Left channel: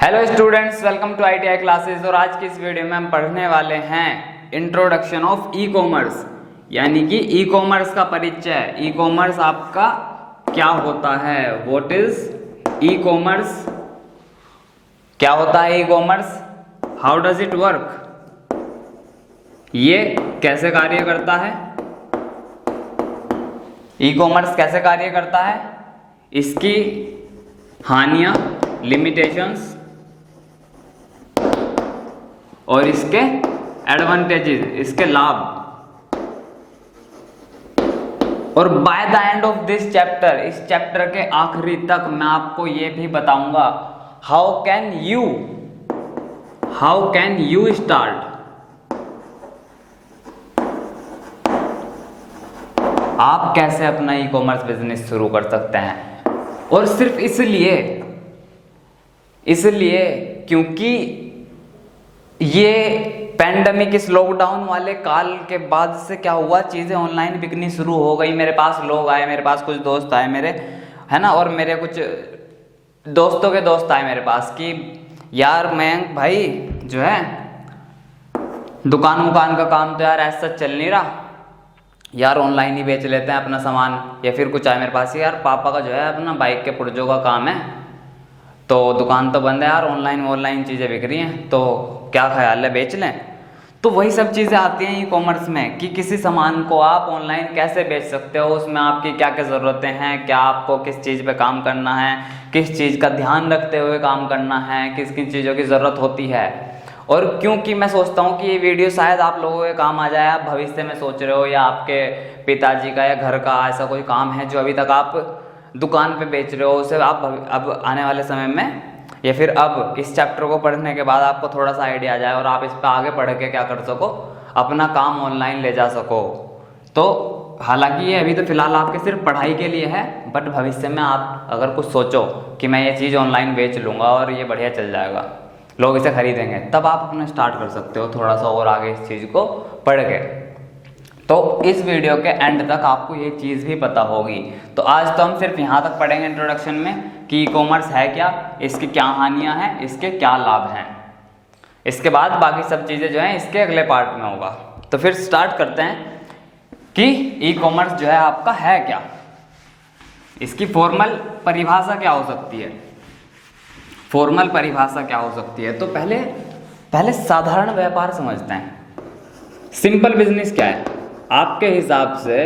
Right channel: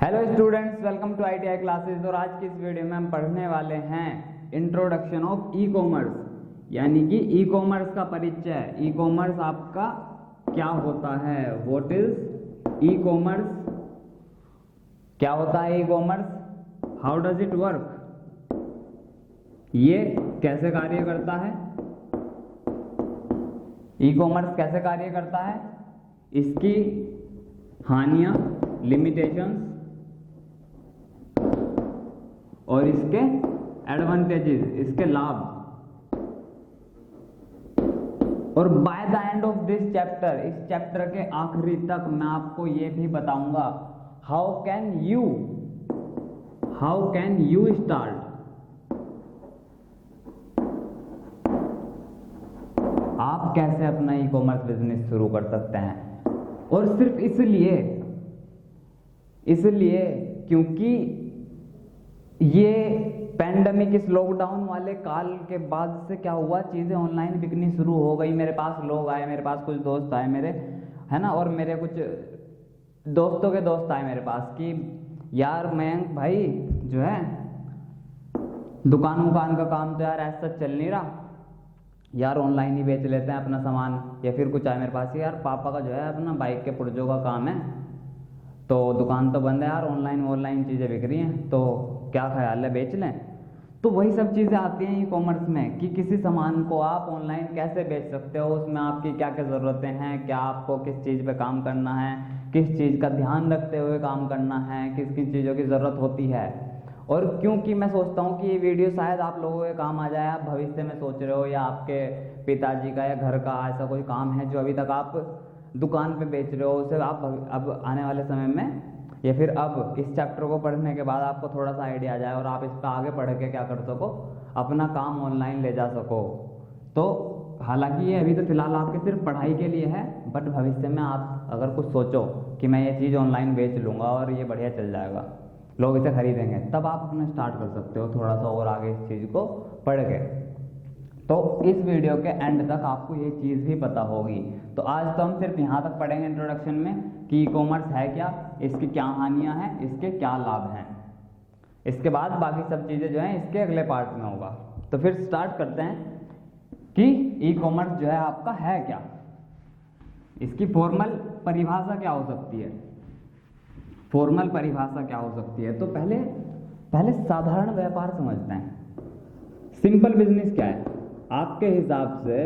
Hello students, welcome to ITI classes. और आज की इस वीडियो में हम पढ़ने वाले हैं इंट्रोडक्शन ऑफ ई कॉमर्स, यानी कि ई कॉमर्स का परिचय। ई कॉमर्स आपका क्या होता है, व्हाट इज ई कॉमर्स, क्या होता है e commerce, how does it work, ये कैसे कार्य करता है, ई कॉमर्स कैसे कार्य करता है, इसकी हानियां, लिमिटेशंस और इसके एडवांटेजेस, इसके लाभ। और by the end of this chapter, इस चैप्टर के आखिरी तक मैं आपको ये भी बताऊंगा हाउ कैन यू स्टार्ट, आप कैसे अपना ई कॉमर्स बिजनेस शुरू कर सकते हैं। और सिर्फ इसलिए क्योंकि ये पैंडेमिक, इस लॉकडाउन वाले काल के बाद से क्या हुआ, चीज़ें ऑनलाइन बिकनी शुरू हो गई। मेरे पास लोग आए, मेरे पास कुछ दोस्त आए मेरे, है ना, और मेरे कुछ दोस्तों के दोस्त आए मेरे पास कि यार मैं भाई जो है दुकान का काम तो यार ऐसा चल नहीं रहा यार, ऑनलाइन ही बेच लेते हैं अपना सामान। या फिर कुछ आए मेरे पास, यार पापा का जो है अपना बाइक के पुर्जों का काम है, तो दुकान तो बंद है यार, ऑनलाइन चीज़ें बिक रही हैं, तो क्या ख्याल है बेच लें। तो वही सब चीज़ें आती हैं ई कॉमर्स में कि किसी सामान को आप ऑनलाइन कैसे बेच सकते हो, उसमें आपकी क्या क्या ज़रूरतें हैं, क्या आपको किस चीज़ पे काम करना है, किस चीज़ का ध्यान रखते हुए काम करना है, किस किन चीज़ों की ज़रूरत होती है। और क्योंकि मैं सोचता हूँ कि ये वीडियो शायद आप लोगों के काम आ जाए, आप भविष्य में सोच रहे हो या आपके पिताजी का या घर का ऐसा कोई काम है जो अभी तक आप दुकान पे बेच रहे हो, उसे आप अब आने वाले समय में या फिर अब इस चैप्टर को पढ़ने के बाद आपको थोड़ा सा आइडिया आ जाए और आप इस पर आगे पढ़ के क्या कर सको, अपना काम ऑनलाइन ले जा सको। तो हालांकि ये अभी तो फिलहाल आपके सिर्फ पढ़ाई के लिए है, बट भविष्य में आप अगर कुछ सोचो कि मैं ये चीज़ ऑनलाइन बेच लूँगा और ये बढ़िया चल जाएगा, लोग इसे खरीदेंगे, तब आप अपना स्टार्ट कर सकते हो थोड़ा सा और आगे इस चीज़ को पढ़ के। तो इस वीडियो के एंड तक आपको ये चीज़ भी पता होगी। तो आज तो हम सिर्फ यहाँ तक पढ़ेंगे इंट्रोडक्शन में कि ई कॉमर्स है क्या, इसकी क्या हानियाँ हैं, इसके क्या लाभ हैं। इसके बाद बाकी सब चीज़ें जो हैं इसके अगले पार्ट में होगा। तो फिर स्टार्ट करते हैं कि ई कॉमर्स जो है आपका है क्या, इसकी फॉर्मल परिभाषा क्या हो सकती है। फॉर्मल परिभाषा क्या हो सकती है, तो पहले साधारण व्यापार समझते हैं। सिंपल बिजनेस क्या है आपके हिसाब से,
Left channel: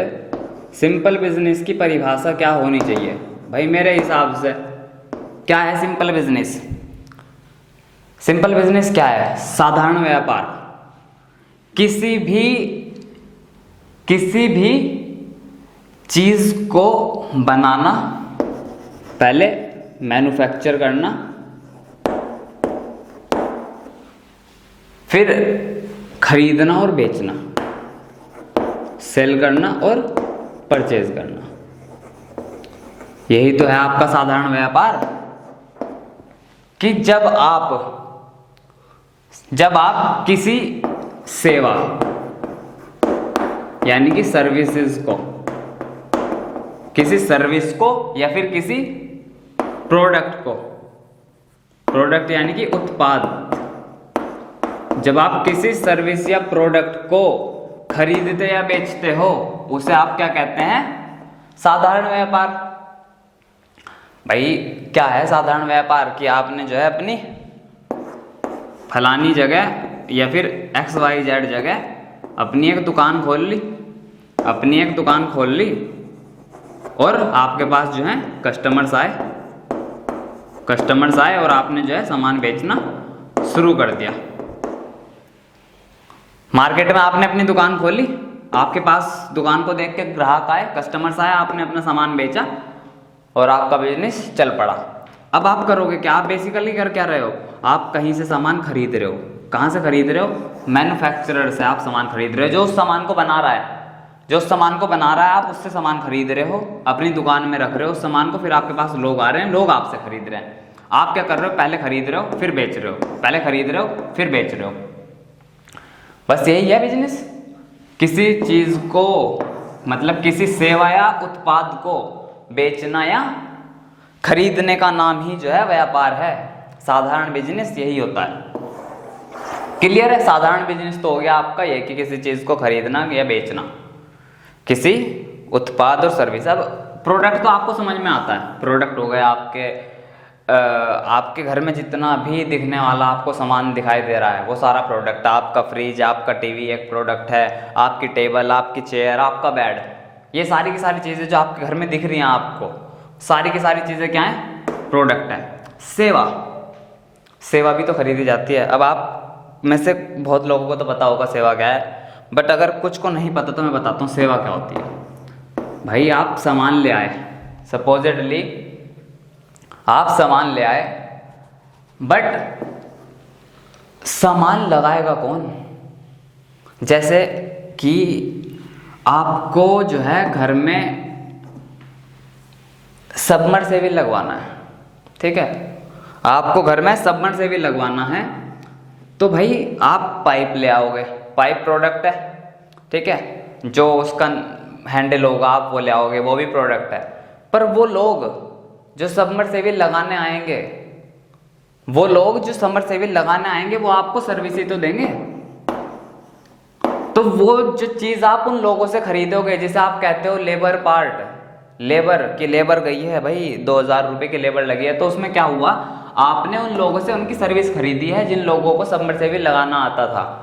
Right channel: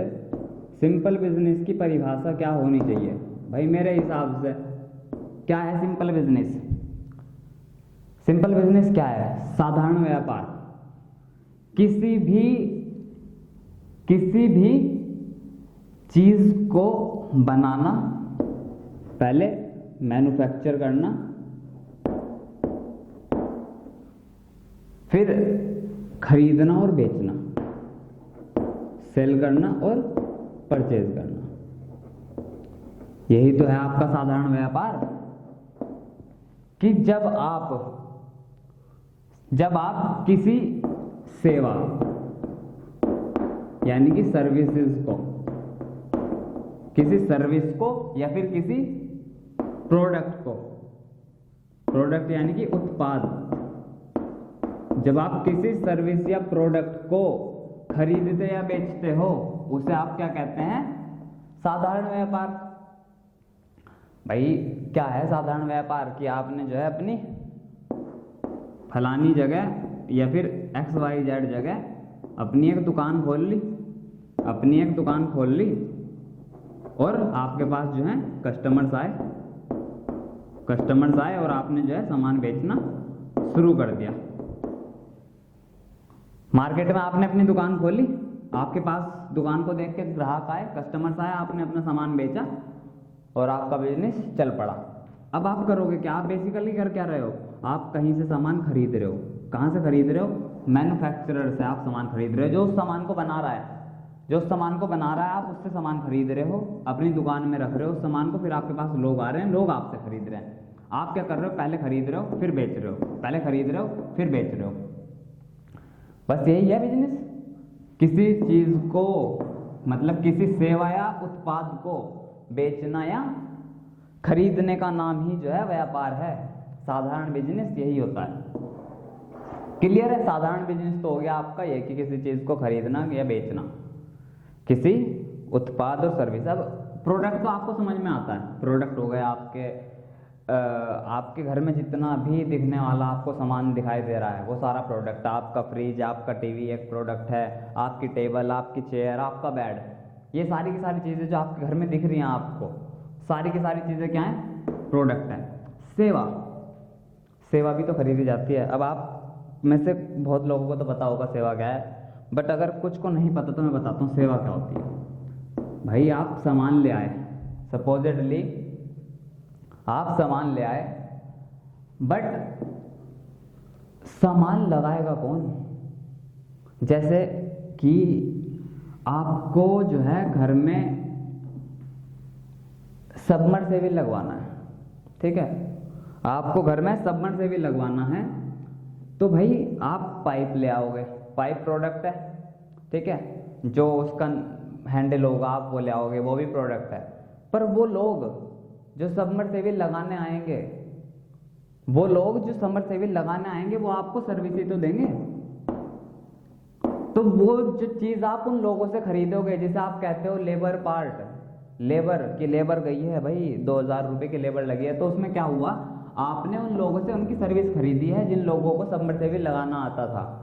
सिंपल बिजनेस की परिभाषा क्या होनी चाहिए भाई मेरे हिसाब से। क्या है सिंपल बिजनेस? सिंपल बिजनेस क्या है? साधारण व्यापार, किसी भी चीज को बनाना, पहले मैन्युफैक्चर करना, फिर खरीदना और बेचना, सेल करना और परचेज करना, यही तो है आपका साधारण व्यापार। कि जब आप किसी सेवा यानी कि सर्विसेज को, किसी सर्विस को या फिर किसी प्रोडक्ट को, प्रोडक्ट यानी कि उत्पाद, जब आप किसी सर्विस या प्रोडक्ट को खरीदते या बेचते हो, उसे आप क्या कहते हैं? साधारण व्यापार। भाई क्या है साधारण व्यापार? कि आपने जो है अपनी फलानी जगह या फिर XYZ जगह अपनी एक दुकान खोल ली और आपके पास जो है कस्टमर्स आए और आपने जो है सामान बेचना शुरू कर दिया। मार्केट में आपने अपनी दुकान खोली, आपके पास दुकान को देख के ग्राहक आए, कस्टमर्स आए, आपने अपना सामान बेचा और आपका बिजनेस चल पड़ा। अब आप करोगे क्या? आप बेसिकली कर क्या रहे हो? आप कहीं से सामान खरीद रहे हो। कहाँ से खरीद रहे हो? मैन्युफैक्चरर से आप सामान खरीद रहे हो, जो उस सामान को बना रहा है, आप उससे सामान खरीद रहे हो, अपनी दुकान में रख रहे हो उस सामान को, फिर आपके पास लोग आ रहे हैं, लोग आपसे खरीद रहे हैं। आप क्या कर रहे हो? पहले खरीद रहे हो फिर बेच रहे हो, पहले खरीद रहे हो फिर बेच रहे हो। बस यही है बिजनेस। किसी चीज को, मतलब किसी सेवा या उत्पाद को बेचना या खरीदने का नाम ही जो है व्यापार है। साधारण बिजनेस यही होता है। क्लियर है? साधारण बिजनेस तो हो गया आपका ये कि किसी चीज़ को खरीदना या बेचना, किसी उत्पाद और सर्विस। अब प्रोडक्ट तो आपको समझ में आता है, प्रोडक्ट हो गया आपके घर में जितना भी दिखने वाला आपको सामान दिखाई दे रहा है वो सारा प्रोडक्ट। आपका फ्रिज, आपका टीवी एक प्रोडक्ट है, आपकी टेबल, आपकी चेयर, आपका बेड, ये सारी की सारी चीज़ें जो आपके घर में दिख रही हैं आपको, सारी की सारी चीज़ें क्या हैं? प्रोडक्ट है। सेवा भी तो खरीदी जाती है। अब आप में से बहुत लोगों को तो पता होगा सेवा क्या है, बट अगर कुछ को नहीं पता तो मैं बताता हूँ सेवा क्या होती है। भाई आप सामान ले आए, सपोजिटली आप सामान ले आए, बट सामान लगाएगा कौन? जैसे कि आपको जो है घर में सबमर्सिबल लगवाना है, ठीक है, आपको घर में सबमर्सिबल लगवाना है, तो भाई आप पाइप ले आओगे, पाइप प्रोडक्ट है, ठीक है, जो उसका हैंडल होगा आप वो ले आओगे, वो भी प्रोडक्ट है। पर वो लोग जो सबमर्सिबल लगाने आएंगे, वो आपको सर्विस ही तो देंगे। तो वो जो चीज़ आप उन लोगों से खरीदोगे, जैसे आप कहते हो लेबर पार्ट, लेबर गई है भाई 2000 रुपये की लेबर लगी है, तो उसमें क्या हुआ? आपने उन लोगों से उनकी सर्विस खरीदी है जिन लोगों को सबमर्सिबल लगाना आता था।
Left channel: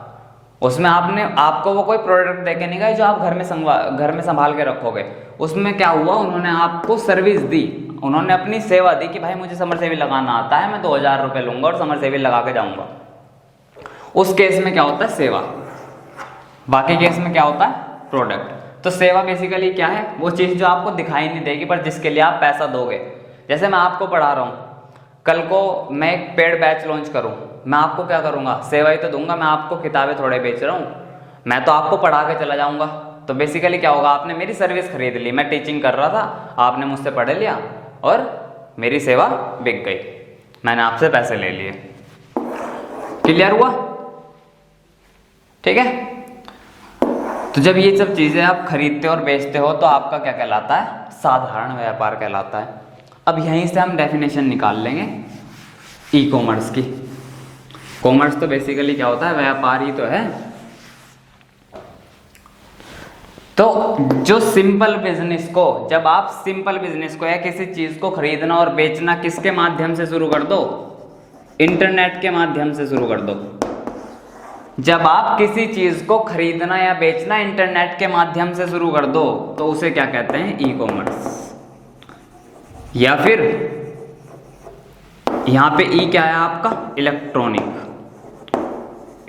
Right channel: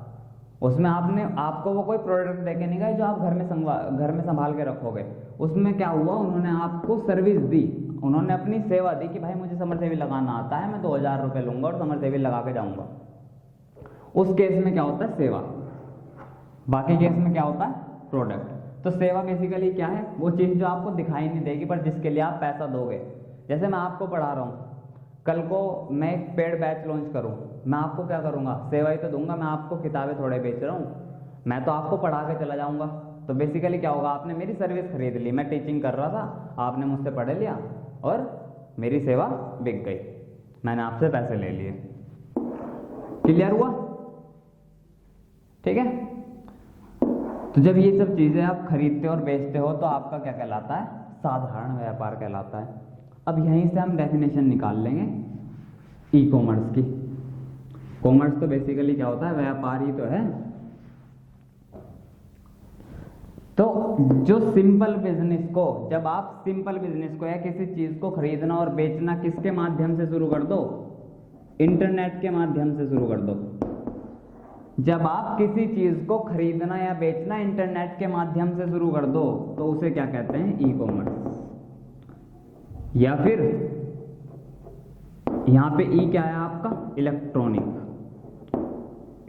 उसमें आपको वो कोई प्रोडक्ट देके नहीं गए जो आप घर में संभाल के रखोगे। उसमें क्या हुआ? उन्होंने आपको सर्विस दी, उन्होंने अपनी सेवा दी कि भाई मुझे सबमर्सिबल लगाना आता है, मैं 2000 रुपये लूंगा और सबमर्सिबल लगा के जाऊंगा। उस केस में क्या होता है? सेवा। बाकी केस में क्या होता है? प्रोडक्ट। तो सेवा बेसिकली क्या है? वो चीज़ जो आपको दिखाई नहीं देगी पर जिसके लिए आप पैसा दोगे। जैसे मैं आपको पढ़ा रहा हूँ, कल को मैं एक पेड बैच लॉन्च करूँ, मैं आपको क्या करूँगा? सेवा ही तो दूंगा। मैं आपको किताबें थोड़े बेच रहा हूँ, मैं तो आपको पढ़ा के चला जाऊँगा। तो बेसिकली क्या होगा? आपने मेरी सर्विस खरीद ली, मैं टीचिंग कर रहा था, आपने मुझसे पढ़ लिया और मेरी सेवा बिक गई, मैंने आपसे पैसे ले लिए। क्लियर हुआ? ठीक है। तो जब ये सब चीज़ें आप खरीदते और बेचते हो तो आपका क्या कहलाता है? साधारण व्यापार कहलाता है। अब यहीं से हम डेफिनेशन निकाल लेंगे ई कॉमर्स की। कॉमर्स तो बेसिकली क्या होता है? व्यापार ही तो है। तो जो सिंपल बिजनेस को, जब आप सिंपल बिजनेस को या किसी चीज़ को खरीदना और बेचना किसके माध्यम से शुरू कर दो? इंटरनेट के माध्यम से शुरू कर दो। जब आप किसी चीज को खरीदना या बेचना इंटरनेट के माध्यम से शुरू कर दो तो उसे क्या कहते हैं? E commerce. या फिर यहां पे ई क्या है आपका?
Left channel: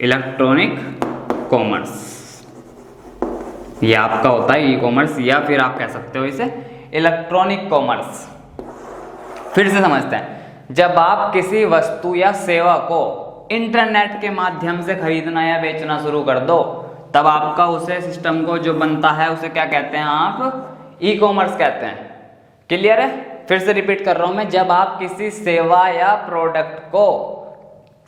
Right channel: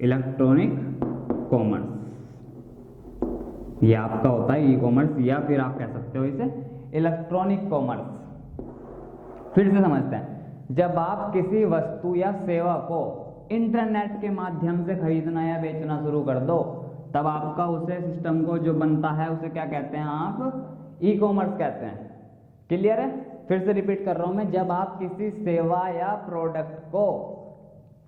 Electronic commerce. ये आपका होता है ई कॉमर्स, या फिर आप कह सकते हो इसे इलेक्ट्रॉनिक कॉमर्स। फिर से समझते हैं, जब आप किसी वस्तु या सेवा को इंटरनेट के माध्यम से खरीदना या बेचना शुरू कर दो तब आपका उसे सिस्टम को जो बनता है उसे क्या कहते हैं? आप ई कॉमर्स कहते हैं। क्लियर है? फिर से रिपीट कर रहा हूं मैं, जब आप किसी सेवा या प्रोडक्ट को,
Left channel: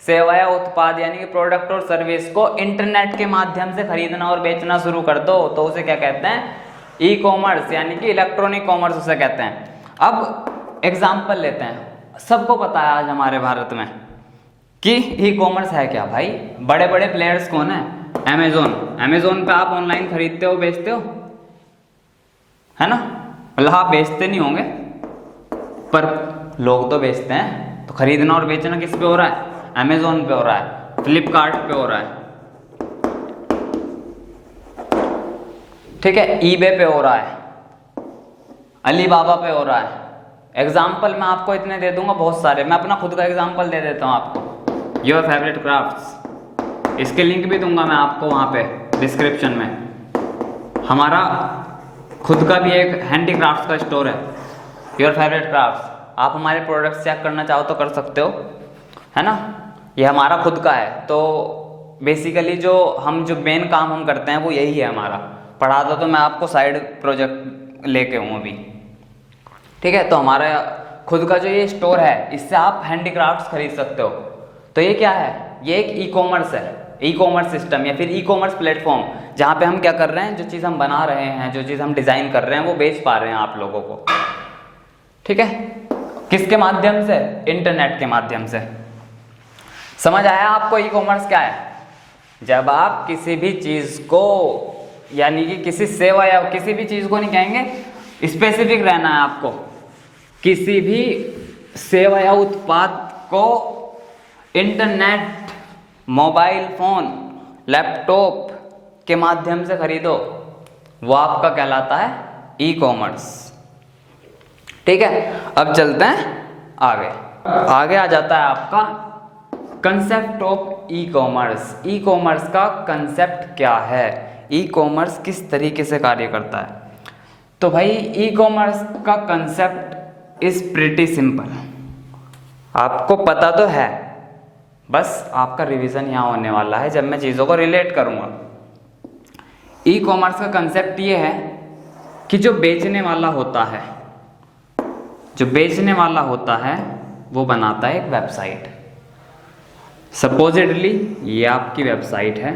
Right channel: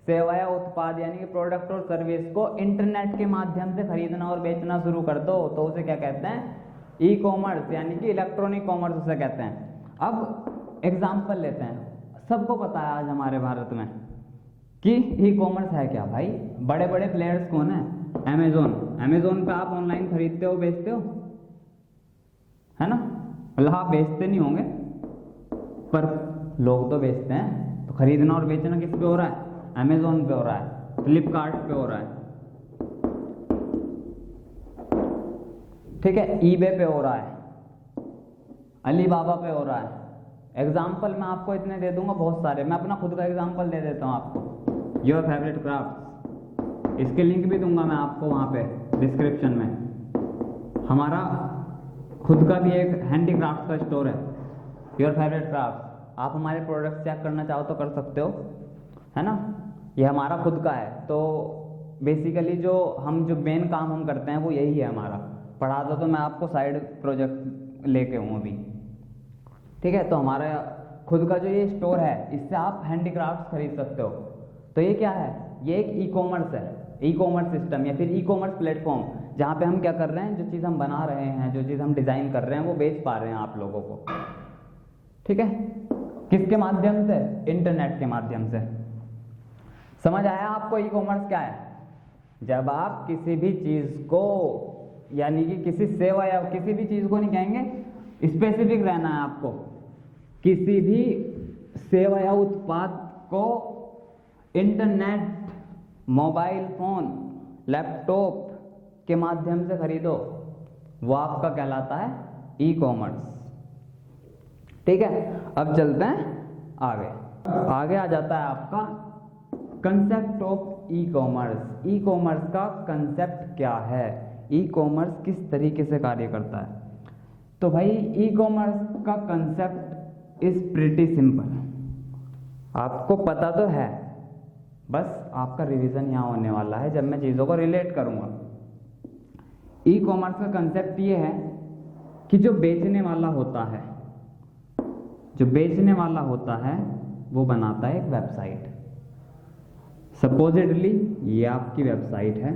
सेवा या उत्पाद यानी कि प्रोडक्ट और सर्विस को इंटरनेट के माध्यम से खरीदना और बेचना शुरू कर दो तो उसे क्या कहते हैं? ई कॉमर्स यानी कि इलेक्ट्रॉनिक कॉमर्स उसे कहते हैं। अब एग्जाम्पल लेते हैं। सबको पता है आज हमारे भारत में कि ई कॉमर्स है क्या भाई? बड़े बड़े प्लेयर्स कौन है? अमेजोन पे आप ऑनलाइन खरीदते हो, बेचते हो, है ना? मतलब आप बेचते नहीं होंगे पर लोग तो बेचते हैं। तो खरीदना और बेचना किस पे हो रहा है? अमेजोन पे हो रहा है, फ्लिपकार्ट पे हो रहा है, ठीक है, ईबे पे हो रहा है, अलीबाबा पे हो रहा है। एग्जाम्पल मैं आपको इतने दे दूंगा, बहुत सारे। मैं अपना खुद का एग्जाम्पल दे देता हूँ आपको, योर फेवरेट क्राफ्ट्स। इसके लिंक भी दूंगा मैं आपको वहाँ पे डिस्क्रिप्शन में। हमारा खुद का भी एक हैंडीक्राफ्ट्स का स्टोर है, योर फेवरेट क्राफ्ट्स। आप हमारे प्रोडक्ट्स चेक करना चाहो तो कर सकते हो, है ना? ये हमारा खुद का है। तो बेसिकली जो मेन काम हम करते हैं वो यही है हमारा। पढ़ा दो तो मैं आपको साइड प्रोजेक्ट लेके हूँ अभी, ठीक है? तो हमारा खुद का जो ये स्टोर है इससे आप हैंडीक्राफ्ट्स खरीद सकते हो। तो ये क्या है? ये एक ई कॉमर्स है, ई कॉमर्स सिस्टम या फिर ई कॉमर्स प्लेटफॉर्म, जहाँ पे हम क्या कर रहे हैं? जो चीज़ हम बना रहे हैं, जो चीज़ हम डिज़ाइन कर रहे हैं वो बेच पा रहे हैं आप लोगों को, ठीक है? किसके माध्यम से? इंटरनेट के माध्यम से। समझ आया आपको ई कॉमर्स क्या है? जब आप किसी भी चीज को, यानी कि किसी सेवा या किसी भी चीज को नहीं कहेंगे, स्पेसिफिक रहना है आपको, किसी भी सेवा या उत्पाद को इंटरनेट, मोबाइल फोन, लैपटॉप के माध्यम से खरीदो, वो आपका कहलाता है ई कॉमर्स। ठीक है, अब चलते हैं आगे। आगे आ जाता है आपका concept of e commerce. E commerce का कंसेप्ट क्या है, ई कॉमर्स किस तरीके से कार्य करता है? तो भाई ई कॉमर्स का कंसेप्ट इज प्रिटी सिंपल, आपको पता तो है, बस आपका रिवीजन यहाँ होने वाला है जब मैं चीज़ों को रिलेट करूँगा। ई कॉमर्स का कंसेप्ट ये है कि जो बेचने वाला होता है, जो बेचने वाला होता है वो बनाता है एक वेबसाइट। सपोजिटली ये आपकी वेबसाइट है,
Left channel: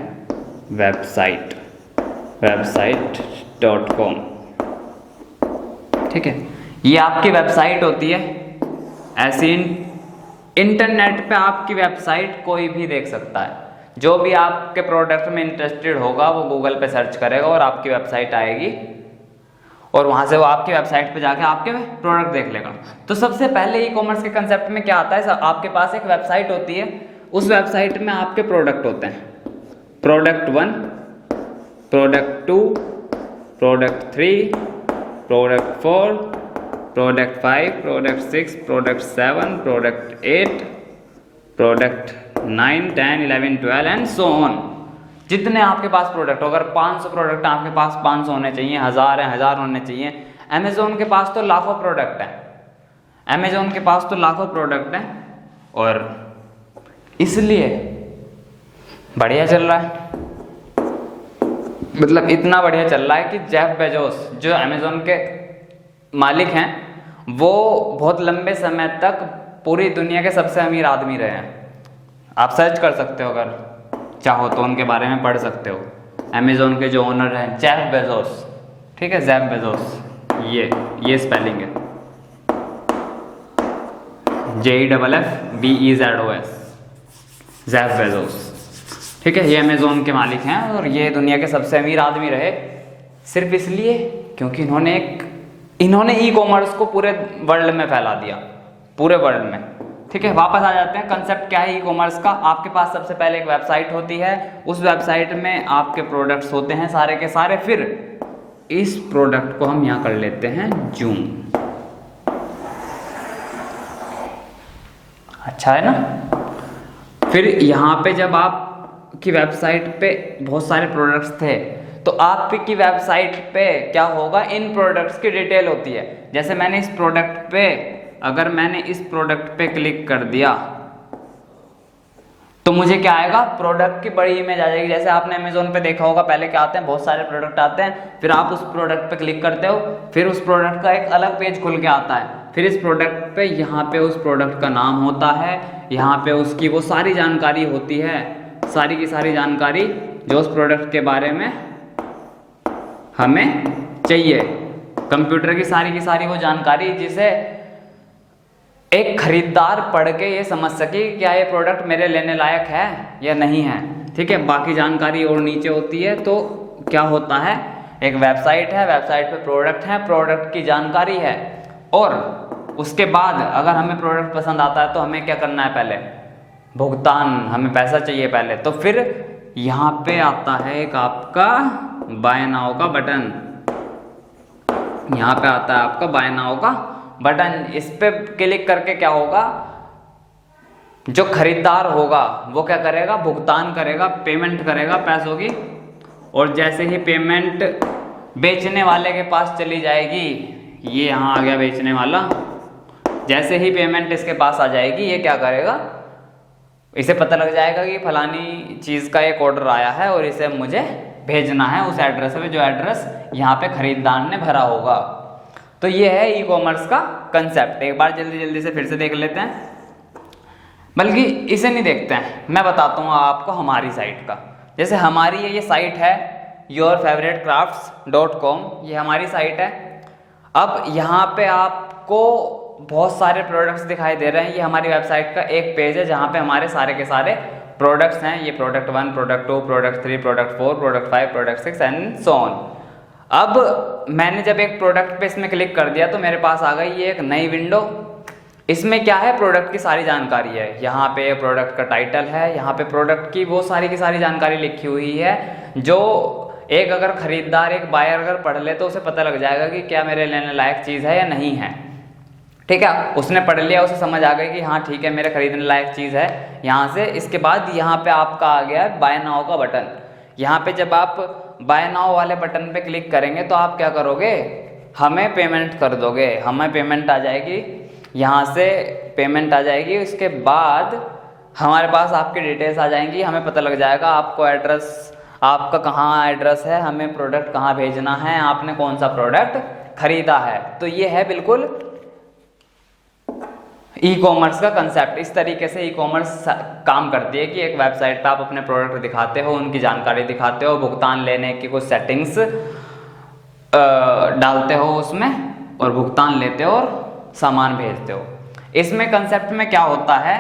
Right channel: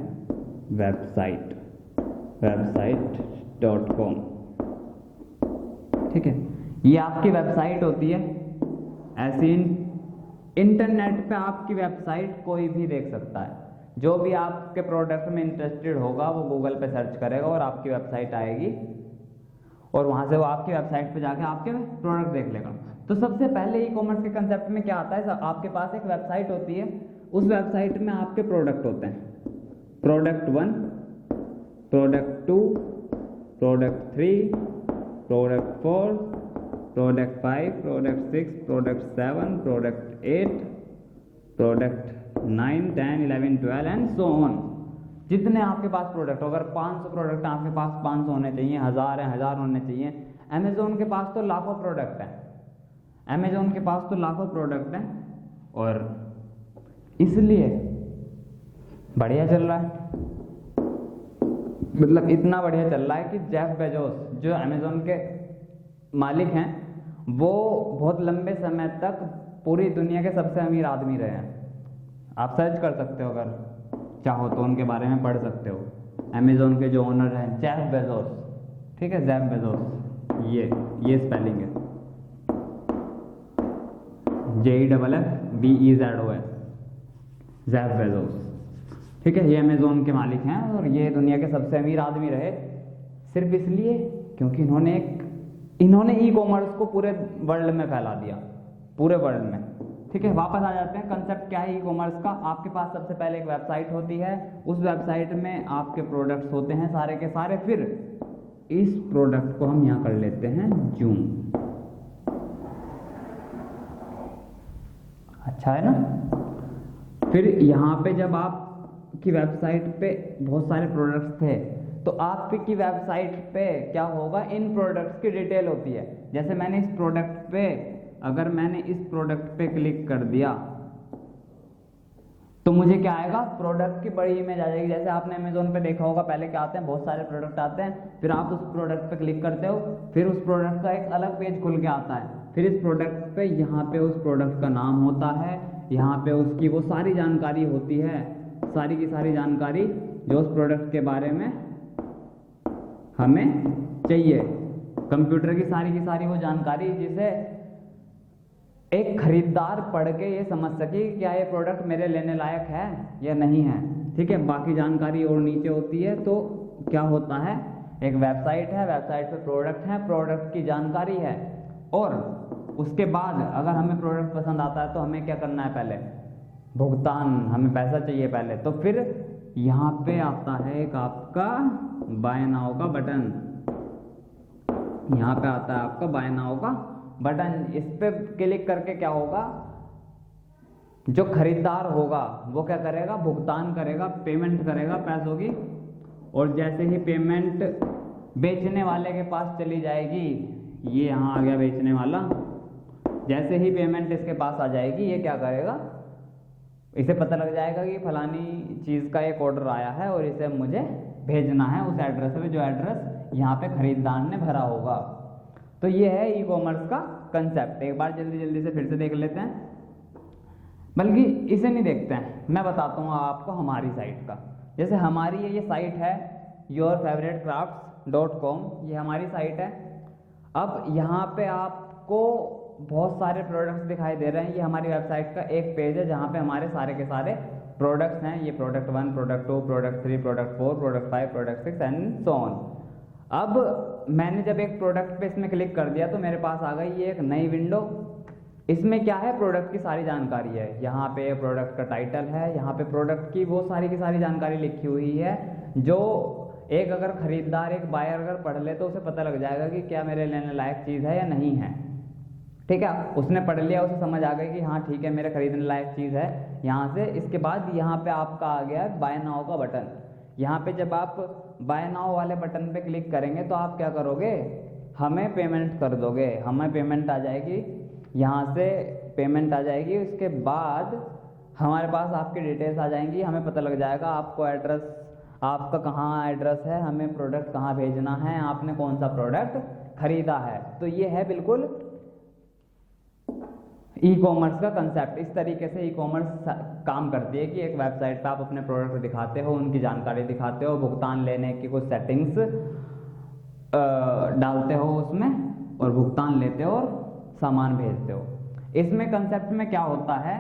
website.com। ठीक है, ये आपकी वेबसाइट होती है। ऐसी इंटरनेट पे आपकी वेबसाइट कोई भी देख सकता है, जो भी आपके प्रोडक्ट में इंटरेस्टेड होगा वो गूगल पे सर्च करेगा और आपकी वेबसाइट आएगी, और वहाँ से वो आपकी वेबसाइट पे जाके आपके प्रोडक्ट देख लेगा। तो सबसे पहले ई कॉमर्स के कंसेप्ट में क्या आता है, आपके पास एक वेबसाइट होती है, उस वेबसाइट में आपके प्रोडक्ट होते हैं, product 1, product 2, product 3, product 4, product 5, product 6, product 7, product 8, product 9, 10, 11, 12 and so on. जितने आपके पास प्रोडक्ट हो, अगर 500 प्रोडक्ट आपके पास 500 होने चाहिए, 1000 है 1000 होने चाहिए। अमेजोन के पास तो लाखों प्रोडक्ट हैं, अमेजोन के पास तो लाखों प्रोडक्ट हैं, और इसलिए बढ़िया चल रहा है। मतलब इतना बढ़िया चल रहा है कि जेफ बेजोस जो अमेजोन के मालिक हैं, वो बहुत लंबे समय तक पूरी दुनिया के सबसे अमीर आदमी रहे हैं। आप सर्च कर सकते हो, अगर चाहो तो उनके बारे में पढ़ सकते हो। अमेजोन के जो ओनर हैं जेफ बेजोस, ठीक है, जेफ बेजोस, ये स्पेलिंग है JEFFBEZOS, जेफ बेजोस। ठीक है, ये अमेजोन के मालिक हैं और ये दुनिया के सबसे अमीर आदमी रहे सिर्फ इसलिए क्योंकि इन्होंने ई कॉमर्स को पूरे वर्ल्ड में फैला दिया, पूरे वर्ल्ड में। ठीक है, वापस आ जाते हैं, कंसेप्ट क्या है ई कॉमर्स का। आपके पास सबसे पहले एक वेबसाइट होती है, उस वेबसाइट में आपके प्रोडक्ट्स होते हैं सारे के सारे। फिर इस प्रोडक्ट को हम यहाँ कर लेते हैं जूम, अच्छा है ना। फिर यहाँ पे जब आपकी वेबसाइट पे बहुत सारे प्रोडक्ट्स थे, तो आपकी वेबसाइट पे क्या होगा, इन प्रोडक्ट्स की डिटेल होती है। जैसे मैंने इस प्रोडक्ट पे, अगर मैंने इस प्रोडक्ट पे क्लिक कर दिया तो मुझे क्या आएगा, प्रोडक्ट की बड़ी इमेज आ जाएगी। जैसे आपने अमेजोन पे देखा होगा, पहले क्या आते हैं, बहुत सारे प्रोडक्ट आते हैं, फिर आप उस प्रोडक्ट पे क्लिक करते हो, फिर उस प्रोडक्ट का एक अलग पेज खुल के आता है। फिर इस प्रोडक्ट पे यहाँ पे उस प्रोडक्ट का नाम होता है, यहाँ पे उसकी वो सारी जानकारी होती है, सारी की सारी जानकारी जो उस प्रोडक्ट के बारे में हमें चाहिए। कंप्यूटर की सारी वो जानकारी जिसे एक खरीदार पढ़ के ये समझ सके क्या ये प्रोडक्ट मेरे लेने लायक है या नहीं है। ठीक है, बाकी जानकारी और नीचे होती है। तो क्या होता है, एक वेबसाइट है, वेबसाइट पे प्रोडक्ट है, प्रोडक्ट की जानकारी है, और उसके बाद अगर हमें प्रोडक्ट पसंद आता है तो हमें क्या करना है, पहले भुगतान, हमें पैसा चाहिए पहले। तो फिर यहाँ पे आता है एक आपका बाय नाउ का बटन, यहाँ पे आता है आपका बाय नाउ का बटन। इस पे क्लिक करके क्या होगा, जो खरीदार होगा वो क्या करेगा, भुगतान करेगा, पेमेंट करेगा पैसों की। और जैसे ही पेमेंट बेचने वाले के पास चली जाएगी, ये यहाँ आ गया बेचने वाला, जैसे ही पेमेंट इसके पास आ जाएगी, ये क्या करेगा, इसे पता लग जाएगा कि फलानी चीज़ का एक ऑर्डर आया है और इसे मुझे भेजना है उस एड्रेस पे, जो एड्रेस यहाँ पे खरीदार ने भरा होगा। तो ये है ई कॉमर्स का कंसेप्ट। एक बार जल्दी से फिर से देख लेते हैं, बल्कि इसे नहीं देखते हैं, मैं बताता हूँ आपको हमारी साइट का। जैसे हमारी ये साइट है yourfavoritecrafts.com, ये हमारी साइट है। अब यहाँ पे आपको बहुत सारे प्रोडक्ट्स दिखाई दे रहे हैं। ये हमारी वेबसाइट का एक पेज है जहाँ पे हमारे सारे के सारे प्रोडक्ट्स हैं। ये product 1, product 2, product 3, product 4, product 5, product 6 and so on. अब मैंने जब एक प्रोडक्ट पे इसमें क्लिक कर दिया तो मेरे पास आ गई ये एक नई विंडो। इसमें क्या है, प्रोडक्ट की सारी जानकारी है। यहाँ पे प्रोडक्ट का टाइटल है, यहाँ पे प्रोडक्ट की वो सारी की सारी जानकारी लिखी हुई है, जो एक अगर खरीदार, एक बायर अगर पढ़ ले तो उसे पता लग जाएगा कि क्या मेरे लेने लायक चीज़ है या नहीं है। ठीक है, उसने पढ़ लिया, उसे समझ आ गई कि हाँ ठीक है मेरे खरीदने लायक चीज़ है। यहाँ से इसके बाद यहाँ पे आपका आ गया है बाय नाउ का बटन। यहाँ पे जब आप बाय नाउ वाले बटन पे क्लिक करेंगे तो आप क्या करोगे, हमें पेमेंट कर दोगे। हमें पेमेंट आ जाएगी, यहाँ से पेमेंट आ जाएगी। उसके बाद हमारे पास आपकी डिटेल्स आ जाएंगी। हमें पता लग जाएगा आपको एड्रेस, आपका कहाँ एड्रेस है, हमें प्रोडक्ट कहाँ भेजना है, आपने कौन सा प्रोडक्ट खरीदा है। तो ये है बिल्कुल ई कॉमर्स का कंसेप्ट। इस तरीके से ई कॉमर्स काम करती है कि एक वेबसाइट पे आप अपने प्रोडक्ट दिखाते हो, उनकी जानकारी दिखाते हो, भुगतान लेने की कुछ सेटिंग्स डालते हो उसमें और भुगतान लेते हो और सामान भेजते हो। इसमें कंसेप्ट में क्या होता है,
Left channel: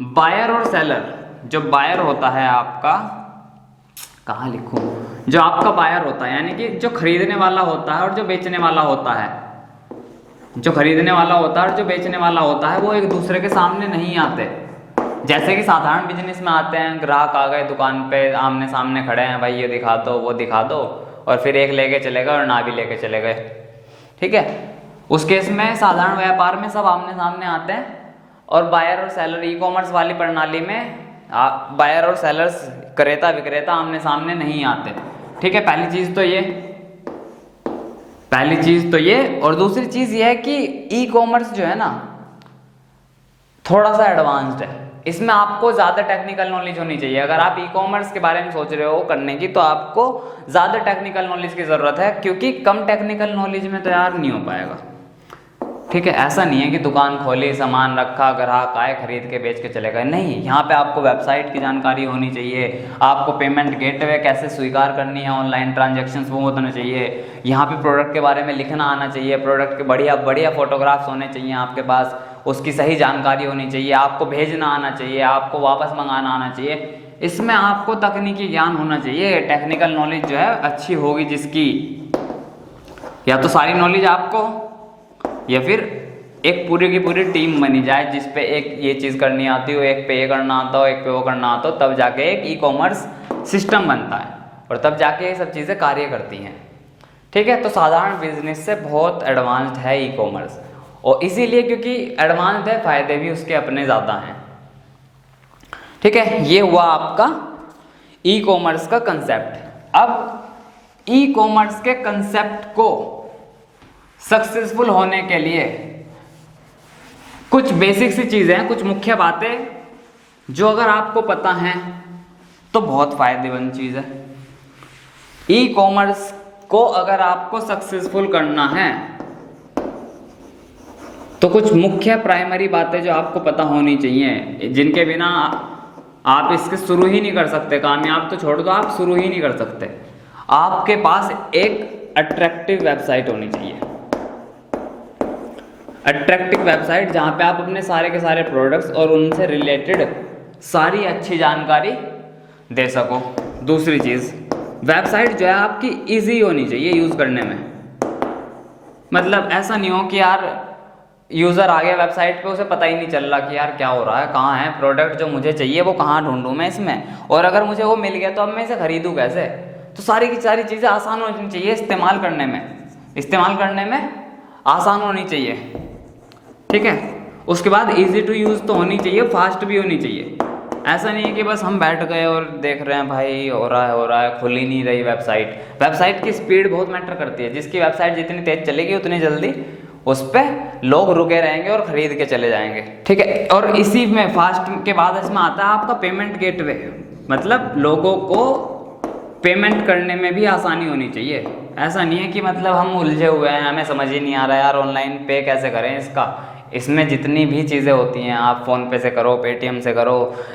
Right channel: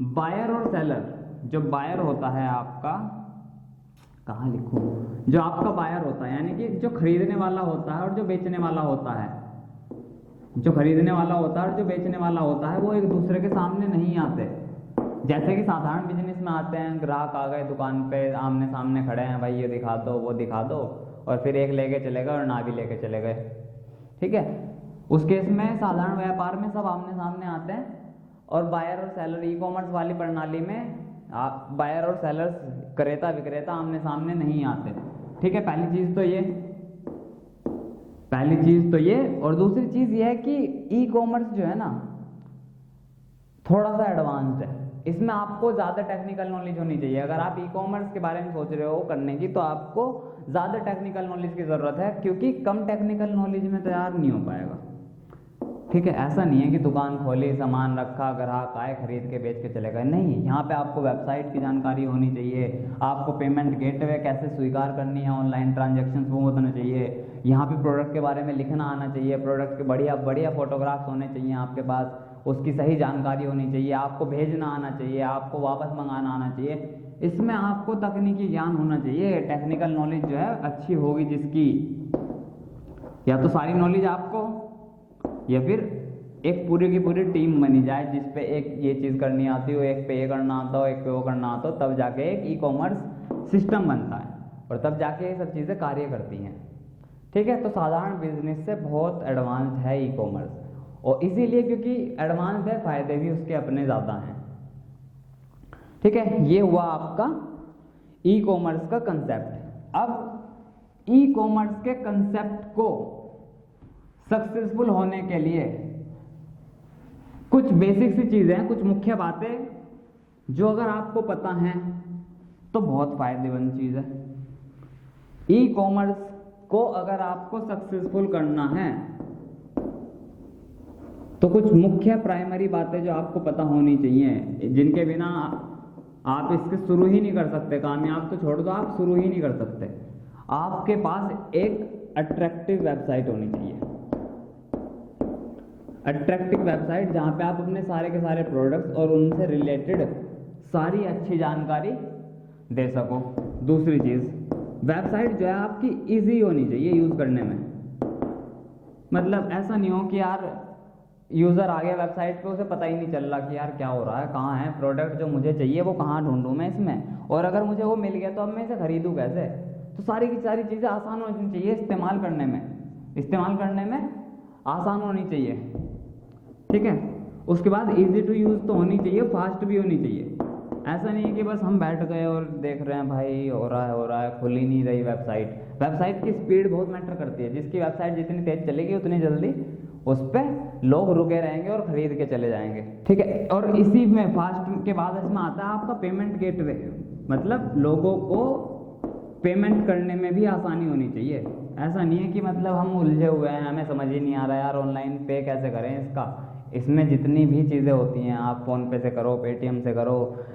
बायर और सेलर, जो बायर होता है आपका, कहाँ लिखूं, जो आपका बायर होता है यानी कि जो खरीदने वाला होता है और जो बेचने वाला होता है, जो खरीदने वाला होता है और जो बेचने वाला होता है वो एक दूसरे के सामने नहीं आते। जैसे कि साधारण बिजनेस में आते हैं, ग्राहक आ गए दुकान पे, आमने सामने खड़े हैं, भाई ये दिखा दो वो दिखा दो, और फिर एक लेके चले गए और ना भी लेके चले गए। ठीक है, उस केस में साधारण व्यापार में सब आमने सामने आते हैं। और बायर और सेलर, ई कॉमर्स वाली प्रणाली में बायर और सेलर्स, क्रेता विक्रेता आमने सामने नहीं आते। ठीक है, पहली चीज़ तो ये और दूसरी चीज़ ये है कि ई कॉमर्स जो है ना थोड़ा सा एडवांस्ड है। इसमें आपको ज़्यादा टेक्निकल नॉलेज होनी चाहिए। अगर आप ई कॉमर्स के बारे में सोच रहे हो करने की तो आपको ज़्यादा टेक्निकल नॉलेज की ज़रूरत है, क्योंकि कम टेक्निकल नॉलेज में तैयार नहीं हो पाएगा। ठीक है, ऐसा नहीं है कि दुकान खोली, सामान रखा, ग्राहक आए, खरीद के बेच के चले गए। नहीं, यहाँ पे आपको वेबसाइट की जानकारी होनी चाहिए, आपको पेमेंट गेटवे कैसे स्वीकार करनी है, ऑनलाइन ट्रांजैक्शंस वो होना चाहिए, यहाँ पे प्रोडक्ट के बारे में लिखना आना चाहिए, प्रोडक्ट के बढ़िया बढ़िया फोटोग्राफ्स होने चाहिए आपके पास, उसकी सही जानकारी होनी चाहिए, आपको भेजना आना चाहिए, आपको वापस मंगाना आना चाहिए। इसमें आपको तकनीकी ज्ञान होना चाहिए। टेक्निकल नॉलेज जो है अच्छी होगी जिसकी, या तो सारी नॉलेज आपको, या फिर एक पूरी की पूरी टीम बनी जाए जिस पे एक ये चीज़ करनी आती हो, एक पे ये करना आता हो, एक पे वो करना आता हो, तब जाके एक ई कॉमर्स सिस्टम बनता है और तब जाके ये सब चीज़ें कार्य करती हैं। ठीक है, तो साधारण बिजनेस से बहुत एडवांस्ड है ई कॉमर्स, और इसीलिए क्योंकि एडवांस्ड है, फायदे भी उसके अपने ज़्यादा हैं। ठीक है, ये हुआ आपका ई कॉमर्स का कंसेप्ट। अब ई कॉमर्स के कंसेप्ट को सक्सेसफुल होने के लिए कुछ बेसिक सी चीज़ें हैं, कुछ मुख्य बातें जो अगर आपको पता हैं तो बहुत फायदेमंद चीज़ है। ई कॉमर्स को अगर आपको सक्सेसफुल करना है तो कुछ मुख्य प्राइमरी बातें जो आपको पता होनी चाहिए, जिनके बिना आप इसके शुरू ही नहीं कर सकते। कामयाब तो छोड़ दो, आप शुरू ही नहीं कर सकते। आपके पास एक अट्रैक्टिव वेबसाइट होनी चाहिए। अट्रैक्टिव वेबसाइट जहाँ पे आप अपने सारे के सारे प्रोडक्ट्स और उनसे रिलेटेड सारी अच्छी जानकारी दे सको। दूसरी चीज़, वेबसाइट जो है आपकी इजी होनी चाहिए यूज़ करने में। मतलब ऐसा नहीं हो कि यार यूज़र आ गया वेबसाइट पे, उसे पता ही नहीं चल रहा कि यार क्या हो रहा है, कहाँ है प्रोडक्ट जो मुझे चाहिए, वो कहाँ ढूंढूं मैं इसमें, और अगर मुझे वो मिल गया तो अब मैं इसे खरीदूँ कैसे। तो सारी की सारी चीज़ें आसान होनी चाहिए इस्तेमाल करने में आसान होनी चाहिए। ठीक है, उसके बाद इजी टू यूज़ तो होनी चाहिए, फास्ट भी होनी चाहिए। ऐसा नहीं है कि बस हम बैठ गए और देख रहे हैं भाई हो रहा है, खुल ही नहीं रही वेबसाइट की स्पीड बहुत मैटर करती है। जिसकी वेबसाइट जितनी तेज चलेगी उतनी जल्दी उस पर लोग रुके रहेंगे और ख़रीद के चले जाएंगे। ठीक है, और इसी में फास्ट के बाद इसमें आता है आपका पेमेंट गेटवे। मतलब लोगों को पेमेंट करने में भी आसानी होनी चाहिए। ऐसा नहीं है कि मतलब हम उलझे हुए हैं, हमें समझ ही नहीं आ रहा यार ऑनलाइन पे कैसे करें इसका। इसमें जितनी भी चीज़ें होती हैं, आप फ़ोन पे से करो, पेटीएम से करो,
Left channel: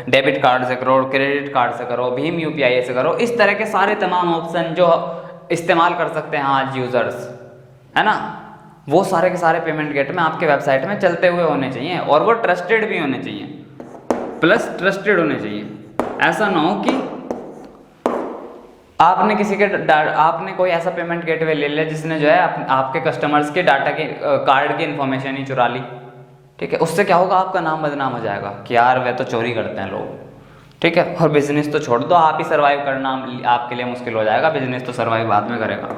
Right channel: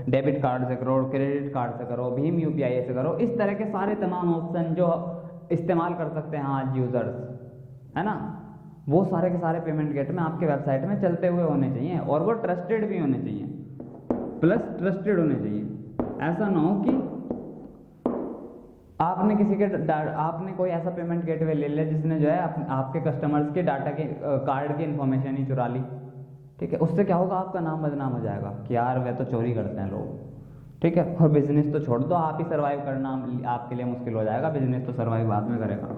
डेबिट कार्ड से करो, क्रेडिट कार्ड से करो, भीम यूपीआई से करो, इस तरह के सारे तमाम ऑप्शन जो इस्तेमाल कर सकते हैं आज यूज़र्स, है ना। वो सारे के सारे पेमेंट गेटवे आपके वेबसाइट में चलते हुए होने चाहिए, और वो ट्रस्टेड भी होने चाहिए, प्लस ट्रस्टेड होने चाहिए। ऐसा ना हो कि आपने आपने कोई ऐसा पेमेंट गेटवे ले लिया जिसने जो है आपके कस्टमर्स के डाटा के कार्ड की इन्फॉर्मेशन ही चुरा ली, ठीक है। उससे क्या होगा, आपका नाम बदनाम हो जाएगा कि यार वे तो चोरी करते हैं लोग, ठीक है। और बिजनेस तो छोड़ दो, आप ही सर्वाइव करना आपके लिए मुश्किल हो जाएगा, बिजनेस तो सर्वाइव बाद में करेगा।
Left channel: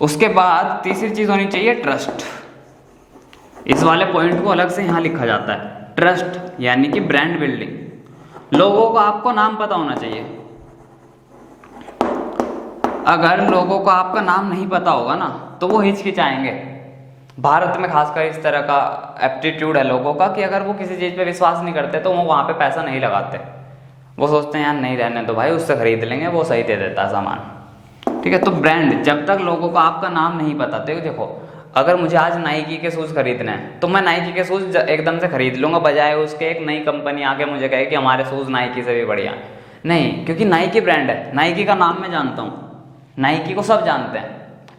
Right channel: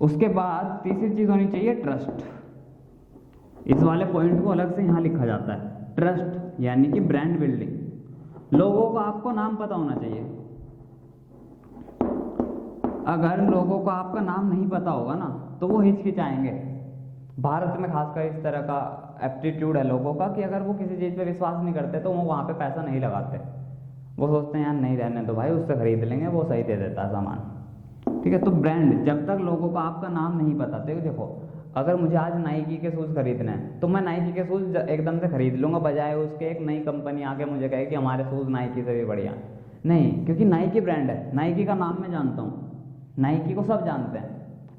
उसके बाद तीसरी चीज़ होनी चाहिए ट्रस्ट। इस वाले पॉइंट को अलग से यहाँ लिखा जाता है, ट्रस्ट यानी कि ब्रांड बिल्डिंग। लोगों को आपको नाम पता होना चाहिए। अगर लोगों को आपका नाम नहीं पता होगा ना तो वो हिचकिचाएंगे। भारत में खासकर इस तरह का एप्टीट्यूड है लोगों का कि अगर वो किसी चीज़ पे विश्वास नहीं करते तो वो वहाँ पे पैसा नहीं लगाते। वो सोचते हैं यार नहीं रहने दो भाई, उससे खरीद लेंगे, वो सही दे देता है सामान, ठीक है। तो ब्रांड, जब तक लोगों को आपका नाम नहीं पता, देखो अगर मुझे आज नाइकी के शूज़ खरीदने हैं तो मैं नाइकी के शूज़ एकदम से खरीद लूँगा, बजाय उसके एक नई कंपनी आके मुझे कहे कि हमारे शूज़ नाइकी से भी बढ़िया नहीं, क्योंकि नाइकी ब्रांड है, नाइकी का नाम मैं जानता हूँ, नाइकी को सब जानते हैं,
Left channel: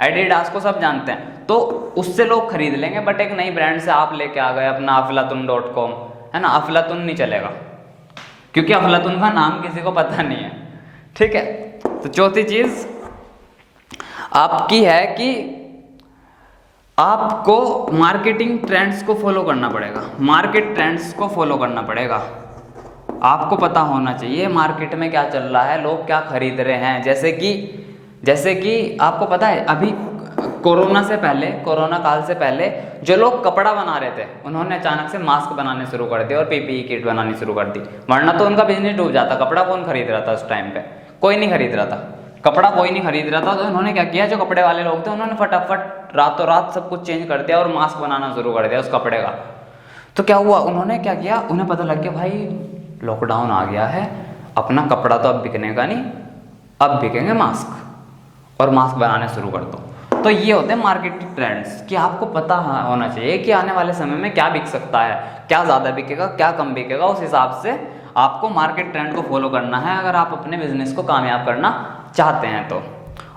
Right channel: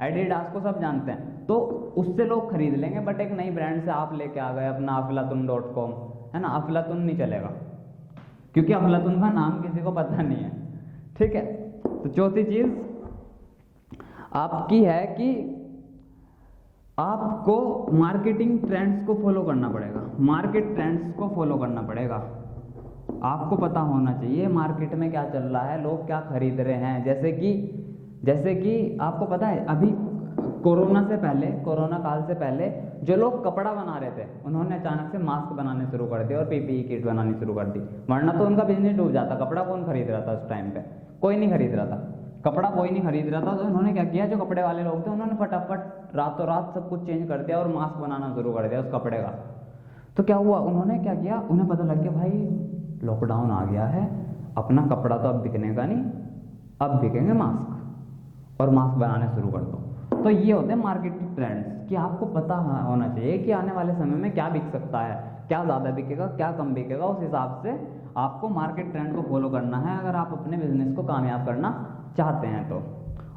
एडिडास को सब जानते हैं, तो उससे लोग खरीद लेंगे। बट एक नई ब्रांड से आप लेके आ गए अपना अफलातुन.com, है ना, अफलातुन नहीं चलेगा क्योंकि अफलातुन का नाम किसी को पता नहीं है, ठीक है। तो चौथी चीज़ आपकी है कि आपको मार्केटिंग ट्रेंड्स को फॉलो करना पड़ेगा, मार्केट ट्रेंड्स को फॉलो करना पड़ेगा। आपको पता होना चाहिए मार्केट में क्या चल रहा है, लोग क्या खरीद रहे हैं। जैसे कि आपको पता है अभी कोरोना काल से पहले जो लोग कपड़ा बना रहे थे उन्होंने अचानक से मास्क बनाने शुरू कर दिए और पीपीई किट बनानी शुरू कर दी, वरना तो उनका बिजनेस डूब जाता। कपड़ा कौन खरीद रहा था उस टाइम पे? कोई नहीं खरीद रहा था, कपड़ा कोई नहीं खरीद रहा था। तो उन्होंने क्या किया, जो कपड़े वाले लोग थे उन्होंने फटाफट रातों रात सब कुछ चेंज कर दिया और मास्क बनाना शुरू कर दिया उस कपड़े का। तो क्या हुआ, उन्होंने क्या किया, उन्हें पता लग गया भाई लॉकडाउन आ गया है, अपना कपड़ा तो अब बिकने का नहीं, अब बिकेंगे मास्क, और मास्क बनाने शुरू कर दो। तो ये होते हैं मार्केटिंग ट्रेंड्स कि आपको पता होना चाहिए कि आने वाले समय में क्या बिक सकता है, क्या ज़्यादा बिकेगा, क्या कम बिकेगा। उस हिसाब से आपको मार्केट ट्रेंड को फॉलो करना है अगर आप अपने बिजनेस को कामयाब करना चाहते हैं तो।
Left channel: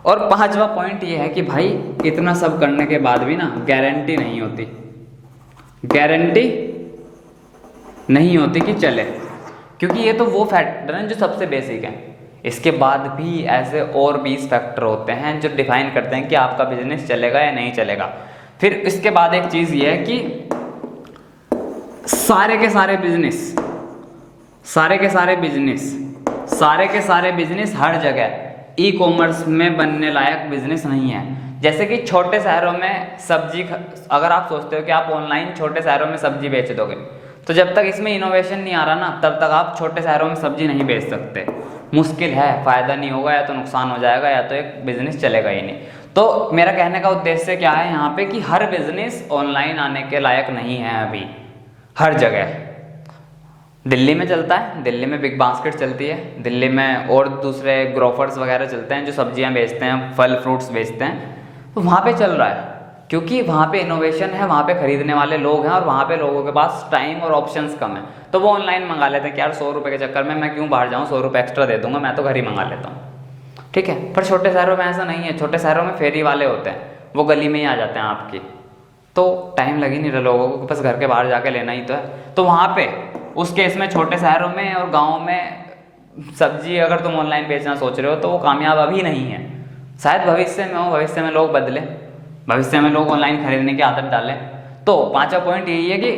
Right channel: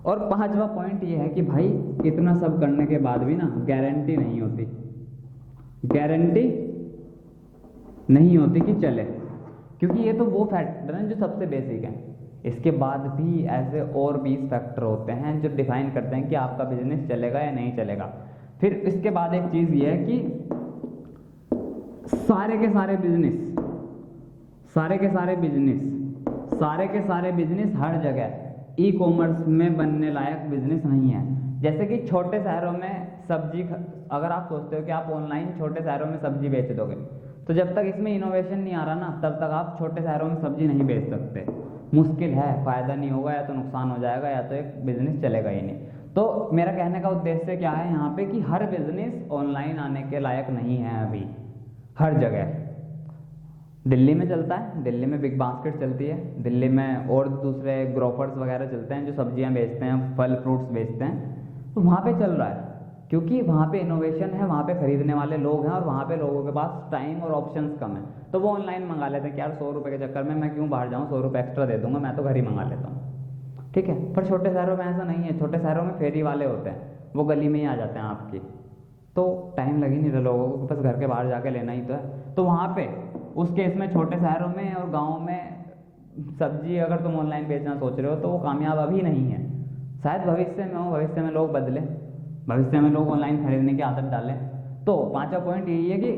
और पांचवा पॉइंट ये है कि भाई इतना सब करने के बाद भी ना गारंटी नहीं होती, गारंटी नहीं होती कि चले, क्योंकि ये तो वो फैक्टर हैं जो सबसे बेसिक हैं। इसके बाद भी ऐसे और 20 फैक्टर होते हैं जो डिफाइन करते हैं कि आपका बिजनेस चलेगा या नहीं चलेगा। फिर इसके बाद एक चीज़ ये है कि सारे के सारे बिजनेस हर जगह ई कॉमर्स में बनने लायक बिजनेस नहीं है। जैसे कि छोटे शहरों में सब्जी, अगर आप सोचते हो कि आप ऑनलाइन छोटे शहरों में सब्जी बेच दोगे, तो जब तक इसमें इनोवेशन नहीं आ रहा ना तब तक आप छोटे शहरों में सब्जी नहीं बेच सकते। मुश्किल है, फ़ायदा नहीं होगा, या तो नुकसान हो जाएगा या तो एक बिजनेस चलेगा ही नहीं। तो मेरा कहने का उद्देश्य क्या है यहाँ पे कि हर बिजनेस ऑनलाइन आने के लायक नहीं है अभी। हर जगह दिल्ली में चलता है, दिल्ली में बिग बास्केट चलती है, दिल्ली में और दूसरे ग्रोफर्स वगैरह चलते हैं जो सब्जियां बेचते हैं, फल फ्रूट्स बेचते हैं, तो वहाँ पे चल रहा है क्योंकि वहाँ पे इनोवेशन है, वहाँ पे खरीदने वाले लोग हैं और वहाँ पे लोगों के पास टाइम और ऑप्शंस कम है। तो वो ऑनलाइन मंगा लेते हैं कि यार 100 रुपये के चक्कर में मैं क्यों बाहर जाऊँ, 100 रुपये एक्स्ट्रा दे दूंगा, मैं तो घर ही मंगा लेता हूँ, ठीक है। पर छोटे शहरों में ऐसा नहीं है, छोटे शहरों में फेरी वाले होते हैं, वो गली में ही आ जाते हैं आपकी, तो टाइम लग ही नहीं रहा लोगों को, बस घर के बाहर जाके लेना ही तो है। तो वहाँ पे उस केस में छोटे शहरों में और गाँव में सब्जी अगर तुम ऑनलाइन बेचना सोच रहे हो तो वो कामयाब अभी नहीं है। शायद भविष्य में हो, भविष्य में लोग बदले, भविष्य में लोग ऑनलाइन खरीदने की आदत डालें। तो पांचवा पॉइंट यही है कि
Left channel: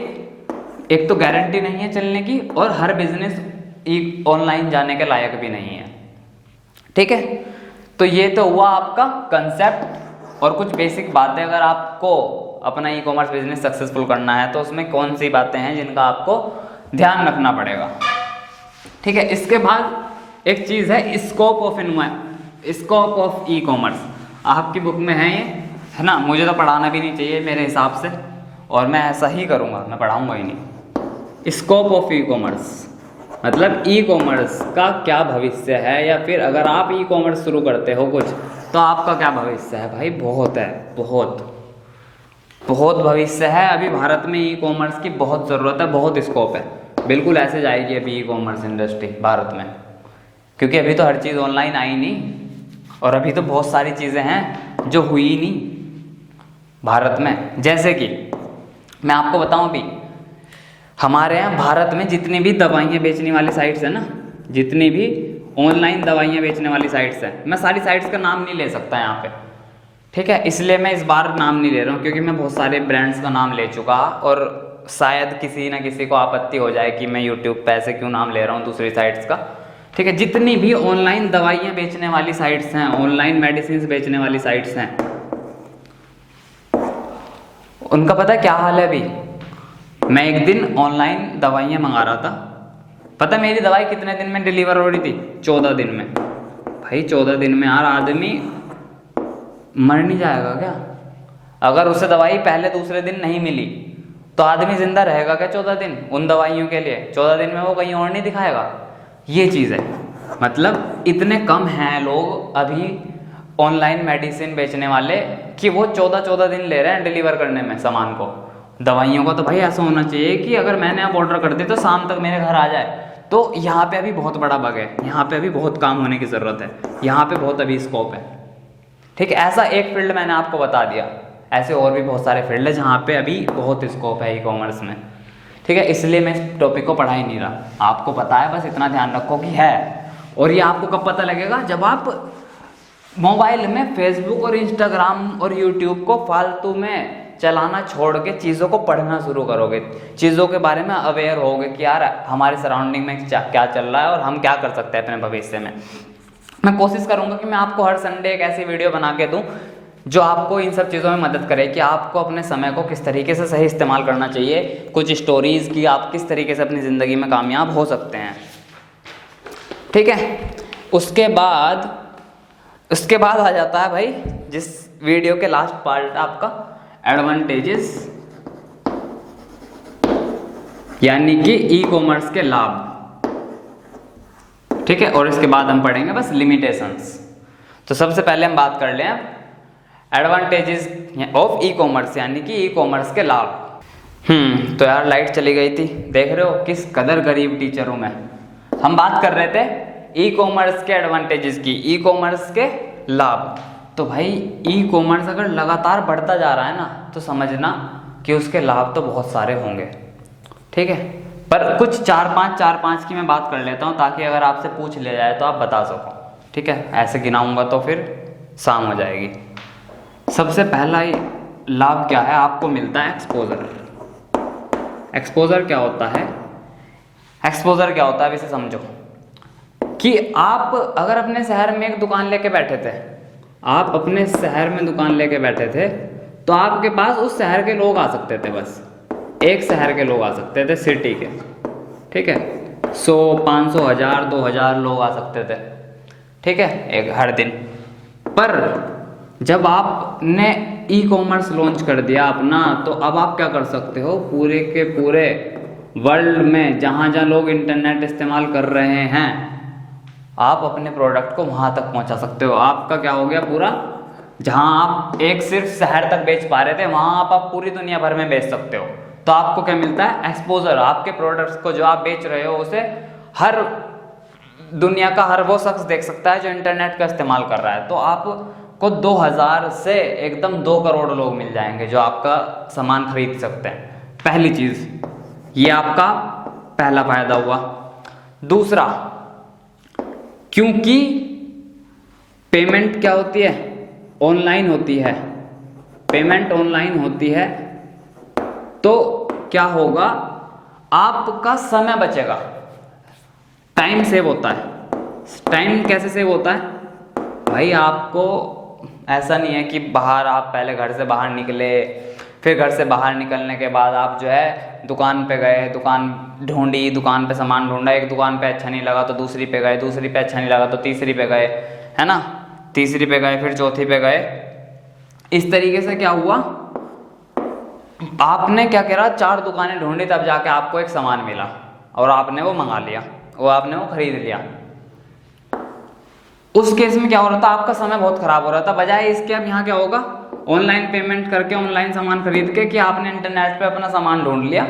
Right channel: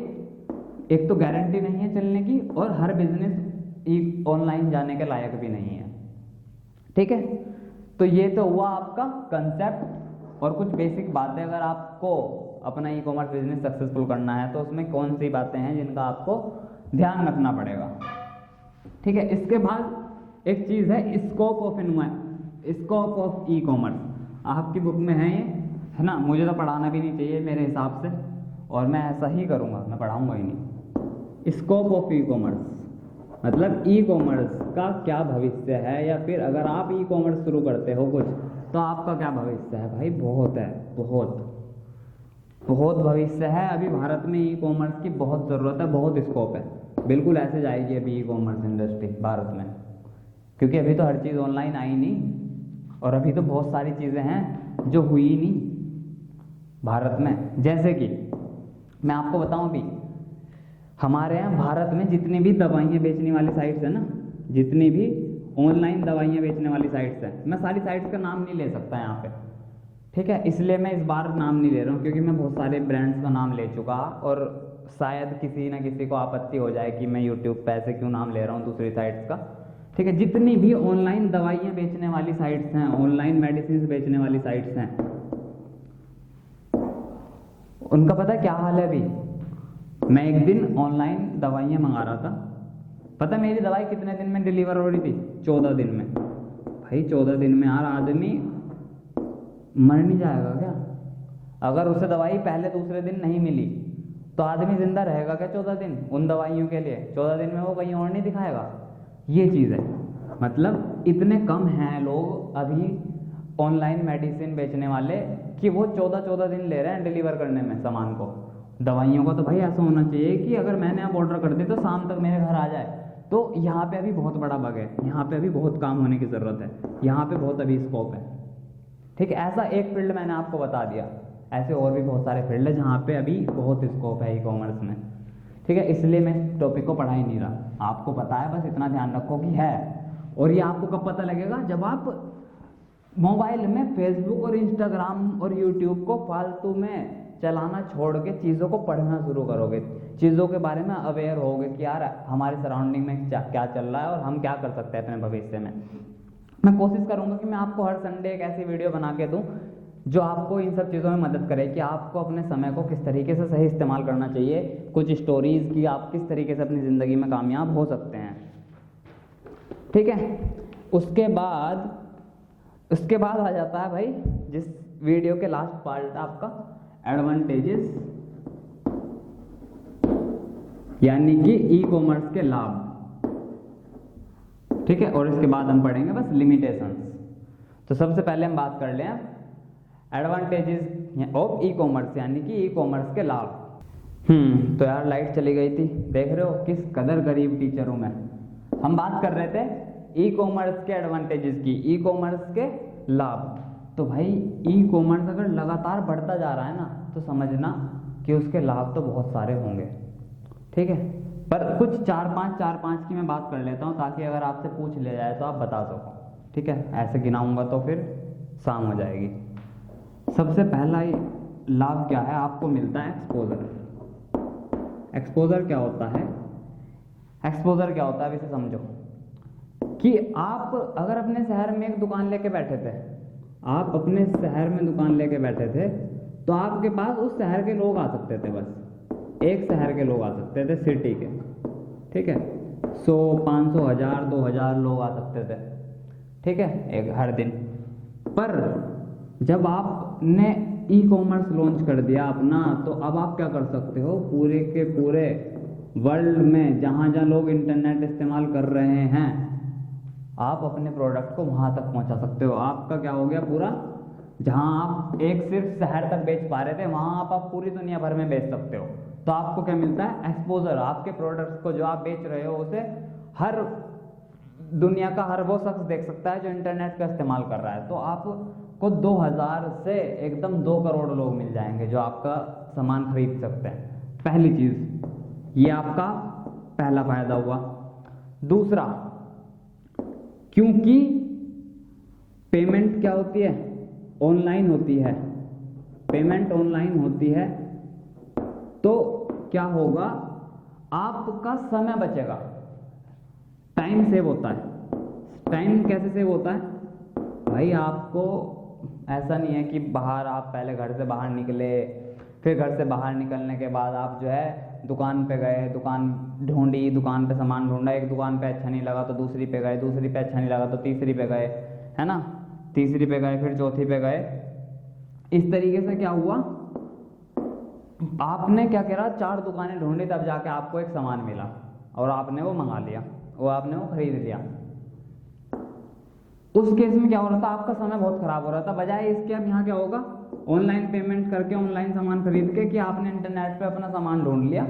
एक तो गारंटी नहीं है चलने की, और हर बिजनेस ऑनलाइन जाने के लायक भी नहीं है, ठीक है। तो ये तो हुआ आपका कंसेप्ट और कुछ बेसिक बातें। अगर आपको अपना ई कॉमर्स बिजनेस सक्सेसफुल करना है तो उसमें कौन सी बातें हैं जिनका आपको ध्यान रखना पड़ेगा, ठीक है। इसके बाद एक चीज़ है स्कोप ऑफ ई कॉमर्स। आपकी बुक में है ये, है ना। मुझे तो पढ़ाना भी नहीं चाहिए मेरे हिसाब से, और मैं ऐसा ही करूँगा, मैं पढ़ाऊँगा ही नहीं। स्कोप ऑफ ई कॉमर्स मतलब ई कॉमर्स का क्या भविष्य है, या फिर अगर आप ई कॉमर्स शुरू करते हो कुछ तो आपका क्या भविष्य है। भाई बहुत है, बहुत भविष्य है। अभी भारत में ई कॉमर्स की बहुत ज़रूरत है, बहुत स्कोप है। बिल्कुल ऐसे जाएगी अभी ई कॉमर्स इंडस्ट्री भारत में, क्योंकि अभी तो हर चीज़ ऑनलाइन आई नहीं, और अभी तो बहुत सारी चीज़ें हैं जो हुई ही नहीं। भारत में। जैसे कि मैं आपको बताऊं, अभी हमारे यहाँ भारत में जितनी भी दवाइयाँ बेचने वाली साइट्स हैं ना, जितनी भी ऑनलाइन दवाइयाँ बेचने वाली साइट्स हैं, मैं सारी साइट्स का नाम नहीं ले सकता यहाँ पे, ठीक है, इसलिए मैं इस बार नाम नहीं ले रहा हूँ, क्योंकि मैं बहुत सारे ब्रांड्स का नाम ले चुका और शायद किसी ना किसी को आपत्ति हो जाए कि मैं यूट्यूब पे ऐसे क्यों नाम ले रहा हूँ दूसरी साइट्स का, ठीक है। जितनी भी ऑनलाइन दवाइयाँ बेचने वाली साइट्स हैं, ऑनलाइन मेडिसिन बेचने वाली साइट्स हैं, उनका पता है क्या हाल है अभी। मैं एक दिन ऑनलाइन दवाइयाँ मंगा रहा था, पता है मेरी दवाई कितने दिन में डिलीवर हो रही थी? 14 दिन में। भाई 14 दिन में यार आदमी मर नहीं जाएगा क्या? अगर उसे दवाई पहले दूसरे दिन नहीं मिली तो आदमी जिंदा रहेगा क्या 14 दिन उन दवाइयों के लिए? 14 दिन में वो कहीं और नहीं दिखाएगा। ये चीज़ है, मतलब इतने कम हैं लोग अभी ऑनलाइन मेडिसिन बेचने वाले कि वो 14-14 दिन ले रहे हैं डिलीवर करने में सामान को। दवाइयों का तो भाई ऐसा होना चाहिए कि अगर मैंने आप ऑर्डर कर दी तो शाम तक मेरे घर आ जाए। तो यहाँ पे अभी बहुत बड़ा बग है, यहाँ पे अभी बहुत काम होने की ज़रूरत है, यहाँ पे बहुत अभी स्कोप है, ठीक है। ऐसा एक फील्ड मैंने आपको बता दिया, ऐसे और भी बहुत सारे फील्ड है जहाँ पे अभी बहुत स्कोप है ई कॉमर्स में, ठीक है। इसलिए मैं इस टॉपिक को पढ़ा ही नहीं रहा, आपको पता है, बस इतना ध्यान रखो कि है। और ये आपको कब पता लगेगा? जब आप मोबाइल में फेसबुक और इंस्टाग्राम और यूट्यूब को फालतू में चलाना छोड़ के चीज़ों को पढ़ना शुरू करोगे, चीज़ों के बारे में अवेयर होगे कि यार हमारे सराउंडिंग में क्या चल रहा है और हम क्या कर सकते हैं अपने भविष्य में। मैं कोशिश करूँगा कि मैं आपको हर संडे एक ऐसी वीडियो बना के दूँ जो आपको इन सब चीज़ों में मदद करे कि आपको अपने समय को किस तरीके से सही इस्तेमाल करना चाहिए, कुछ स्टोरीज़ की आप किस तरीके से अपनी ज़िंदगी में कामयाब हो सकते हैं, ठीक है। उसके बाद आ जाता है भाई जिस वीडियो के लास्ट पार्ट आपका एडवांटेजेस, यानी कि ई कॉमर्स के लाभ, ठीक है। और इसके बाद हम पढ़ेंगे बस लिमिटेशंस। तो सबसे पहले हम बात कर लें एडवांटेजेस ऑफ ई कॉमर्स, यानी कि ई कॉमर्स के लाभ। तो यार लाइट चली गई थी, देख रहे हो किस कदर गरीब टीचर हूं मैं। हम बात कर रहे थे ई कॉमर्स के एडवांटेजेस की, ई कॉमर्स के लाभ। तो भाई ई कॉमर्स अगर लगातार बढ़ता जा रहा है ना, तो समझना कि उसके लाभ तो बहुत सारे होंगे, ठीक है। पर कुछ चार पांच की मैं बात कर लेता हूँ, ताकि अगर आपसे पूछ लिया जाए तो आप बता सको, ठीक है। ऐसे गिनाऊंगा तो फिर शाम हो जाएगी। सबसे पहला लाभ क्या है? आपको मिलता है एक्सपोजर। एक्सपोजर क्या होता है? एक्सपोजर क्या होता है, इसे समझो कि आप अगर अपने शहर में एक दुकान लेके बैठे थे, आप अपने शहर में दुकान लेके बैठे थे, तो आपके पास उस शहर के लोग आ सकते थे, बस एक शहर के लोग आ सकते थे, सिटी के, ठीक है। 100, 500, 1000, 2000 लोग आ सकते थे, ठीक है, एक हर दिन। पर जब आपने ई कॉमर्स लॉन्च कर दिया अपना, तो अब आप क्या कर सकते हो? पूरे के पूरे वर्ल्ड में जहाँ जहाँ लोग इंटरनेट इस्तेमाल कर रहे हैं, आप अपने प्रोडक्ट को वहाँ तक पहुँचा सकते हो। आपका क्या हो गया, पूरा जहाँ आप एक सिर्फ शहर तक बेच पा रहे थे, वहाँ आप पूरी दुनिया भर में बेच सकते हो। तो आपको क्या मिलता है? एक्सपोजर। आपके प्रोडक्ट्स को जो आप बेच रहे हो उसे हर दुनिया का हर वो शख्स देख सकता है जो इंटरनेट का इस्तेमाल कर रहा है। तो आपको 2000 से एकदम 2 करोड़ लोग मिल जाएंगे जो आपका सामान खरीद सकते हैं। पहली चीज़ ये आपका पहला फायदा हुआ। दूसरा, क्योंकि पेमेंट क्या होती है? ऑनलाइन होती है। पेमेंट ऑनलाइन होती है तो क्या होगा? आपका समय बचेगा, टाइम सेव होता है। टाइम कैसे सेव होता है भाई? आपको ऐसा नहीं है कि बाहर आप पहले घर से बाहर निकले, फिर घर से बाहर निकलने के बाद आप जो है दुकान पे गए, दुकान ढूंढी, दुकान पे सामान ढूंढा, एक दुकान पे अच्छा नहीं लगा तो दूसरी पे गए, दूसरी पे अच्छा नहीं लगा तो तीसरी पे गए, है ना, तीसरी पे गए, फिर चौथी पे गए। इस तरीके से क्या हुआ, आपने क्या करा, 4 दुकानें ढूंढी, तब जाके आपको एक सामान मिला और आपने वो मंगा लिया, आपने वो खरीद लिया। उस केस में क्या हो रहा था? आपका समय बहुत खराब हो रहा था। बजाय इसके अब यहाँ क्या होगा, ऑनलाइन पेमेंट करके, ऑनलाइन सामान खरीद के, कि आपने इंटरनेट पे अपना सामान ढूंढ लिया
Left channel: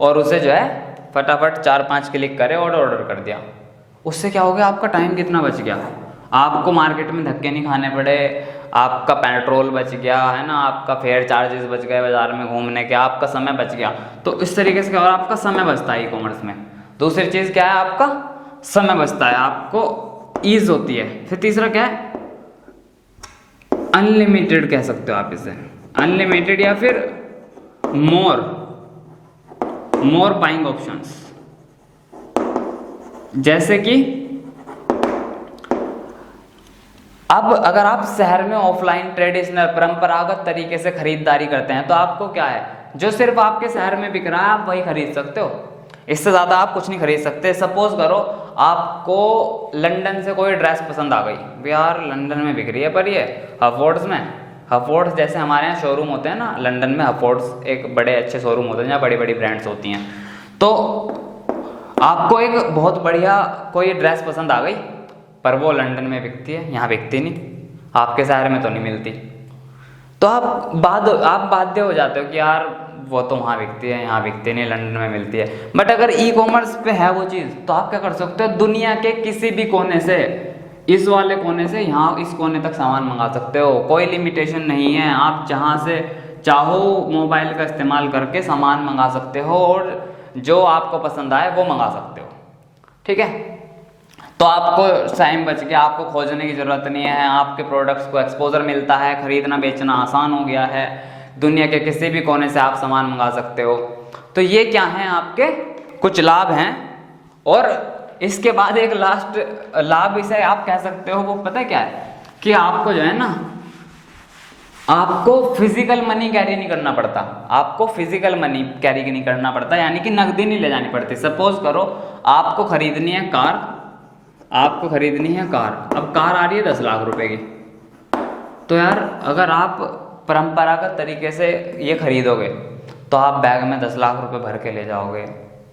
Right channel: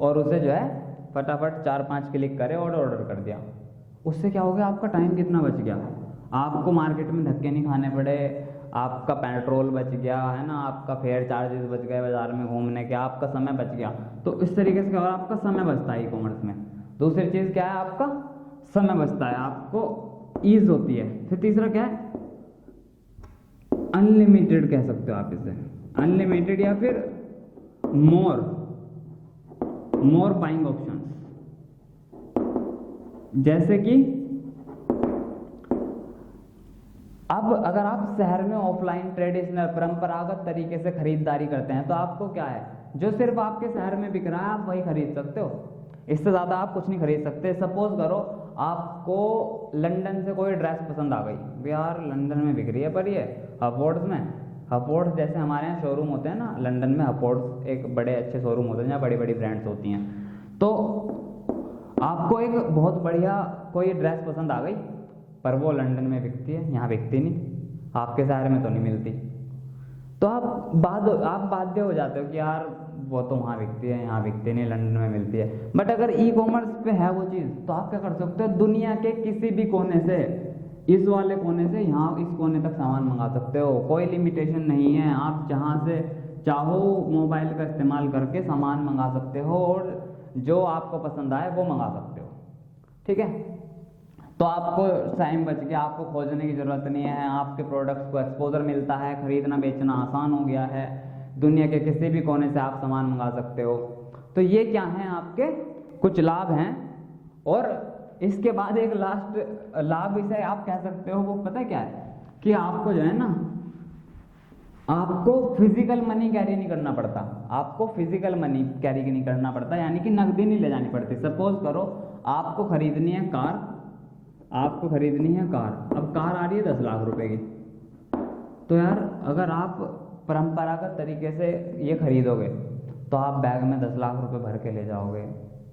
और उसे जो है फटाफट 4-5 क्लिक करे और ऑर्डर कर दिया। उससे क्या हो गया, आपका टाइम कितना बच गया। आपको मार्केट में धक्के नहीं खाने पड़े, आपका पेट्रोल बच गया है ना, आपका फेयर चार्जेस बच गए बाजार में घूमने के, आपका समय बच गया। तो इस तरीके से क्या हो रहा है, आपका समय बचता है ई कॉमर्स में। दूसरी चीज़ क्या है, आपका समय बचता है, आपको ईज होती है। फिर तीसरा क्या है, अनलिमिटेड कह सकते हो आप इसे, अनलिमिटेड या फिर मोर बाइंग ऑप्शंस। जैसे कि अब अगर आप शहर में ऑफलाइन ट्रेडिशनल परंपरागत तरीके से खरीदारी करते हैं तो आपको क्या है, जो सिर्फ आपके शहर में बिक रहा है आप वही खरीद सकते हो, इससे ज़्यादा आप कुछ नहीं खरीद सकते। सपोज करो आपको लंदन से कोई ड्रेस पसंद आ गई, यार लंदन में बिक रही है पर ये हफोर्ड्स में, हफोर्ड्स जैसे हमारे यहाँ शोरूम होते हैं ना, लंदन में हफोर्ड्स एक बड़े अच्छे शोरूम होते हैं जहाँ बड़ी बड़ी ब्रांड्स होती हैं। तो आपको एक बहुत बढ़िया कोई ड्रेस पसंद आ गई पर वो लंदन में बिकती है, यहाँ बिकती नहीं, आपके शहर में तो नहीं मिलती। तो आप बाध्य हो जाते हो कि यार वो तो वहाँ बिकती है, यहाँ बिकती नहीं, लंदन में मिलती है। बट अगर ई कॉमर्स पे है वो चीज़ तो आप क्या कर सकते हो, दुनिया के किसी भी कोने से, इस वाले कोने से यहाँ इस कोने तक सामान मंगा सकते हो, कोई लिमिटेशन नहीं है। आप जहाँ से चाहो मोबाइल का इस्तेमाल करके सामान मंगा सकते हो और जो आपको पसंद आए वो मंगा सकते हो, ठीक है। तो आपको टाइम बच गया, आपको खोजने की ज़रूरत नहीं है, आपके प्रोडक्ट्स को एक्सपोजर मिलता है, खरीदना बेचना आसान हो गया है, दुनिया के किसी भी कोने से आप सामान मंगा सकते हो। तो ये क्या हैं आपके कुछ लाभ हैं। और इसके बाद एक लास्ट लाभ इसे आप कह सकते हो, वो पता है क्या है, कि आपको जो है ना, आपको फिजिकल मनी कैरी नहीं करना पड़ता, आपको फिजिकल मनी कैरी नहीं करना पड़ता, यानी कि नकदी नहीं ले जानी पड़ती। सपोज करो आपको खरीदनी है कार, आपको खरीदनी है कार, अब कार आ रही है 10 लाख रुपए की। तो यार अगर आप परंपरागत तरीके से ये खरीदोगे तो आप बैग में 10 लाख रुपए भर के ले जाओगे,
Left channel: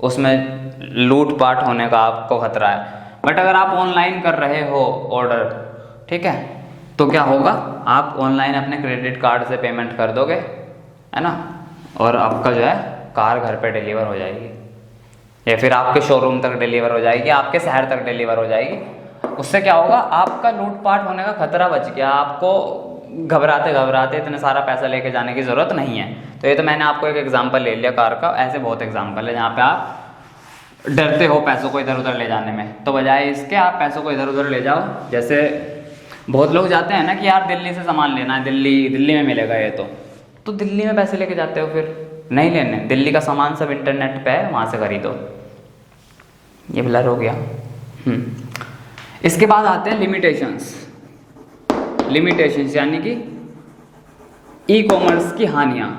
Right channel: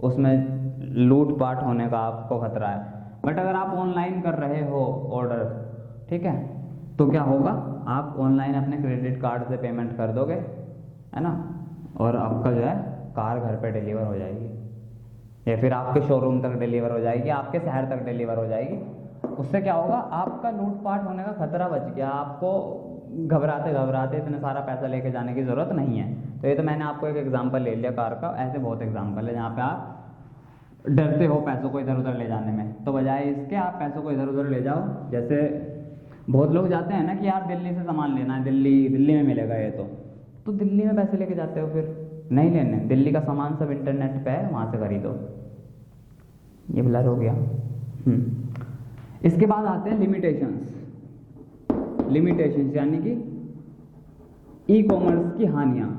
उसमें लूट पाट होने का आपको खतरा है। बट अगर आप ऑनलाइन कर रहे हो ऑर्डर, ठीक है, तो क्या होगा, आप ऑनलाइन अपने क्रेडिट कार्ड से पेमेंट कर दोगे, है ना, और आपका जो है कार घर पे डिलीवर हो जाएगी, या फिर आपके शोरूम तक डिलीवर हो जाएगी, आपके शहर तक डिलीवर हो जाएगी। उससे क्या होगा, आपका लूटपाट होने का खतरा बच गया, आपको घबराते इतना सारा पैसा लेके जाने की ज़रूरत नहीं है। तो ये तो मैंने आपको एक एग्जांपल ले लिया कार का, ऐसे बहुत एग्जांपल है जहाँ पे आप डरते हो पैसों को इधर उधर ले जाने में, तो बजाय इसके आप पैसों को इधर उधर ले जाओ। जैसे बहुत लोग जाते हैं ना कि यार दिल्ली से सामान लेना है, दिल्ली में मिलेगा ये, तो दिल्ली में पैसे लेके जाते हो, फिर नहीं लेने, दिल्ली का सामान सब इंटरनेट पे है, वहाँ से खरीदो। ये ब्लर हो गया। इसके बाद आते हैं लिमिटेशंस यानी कि ई कॉमर्स की हानियाँ।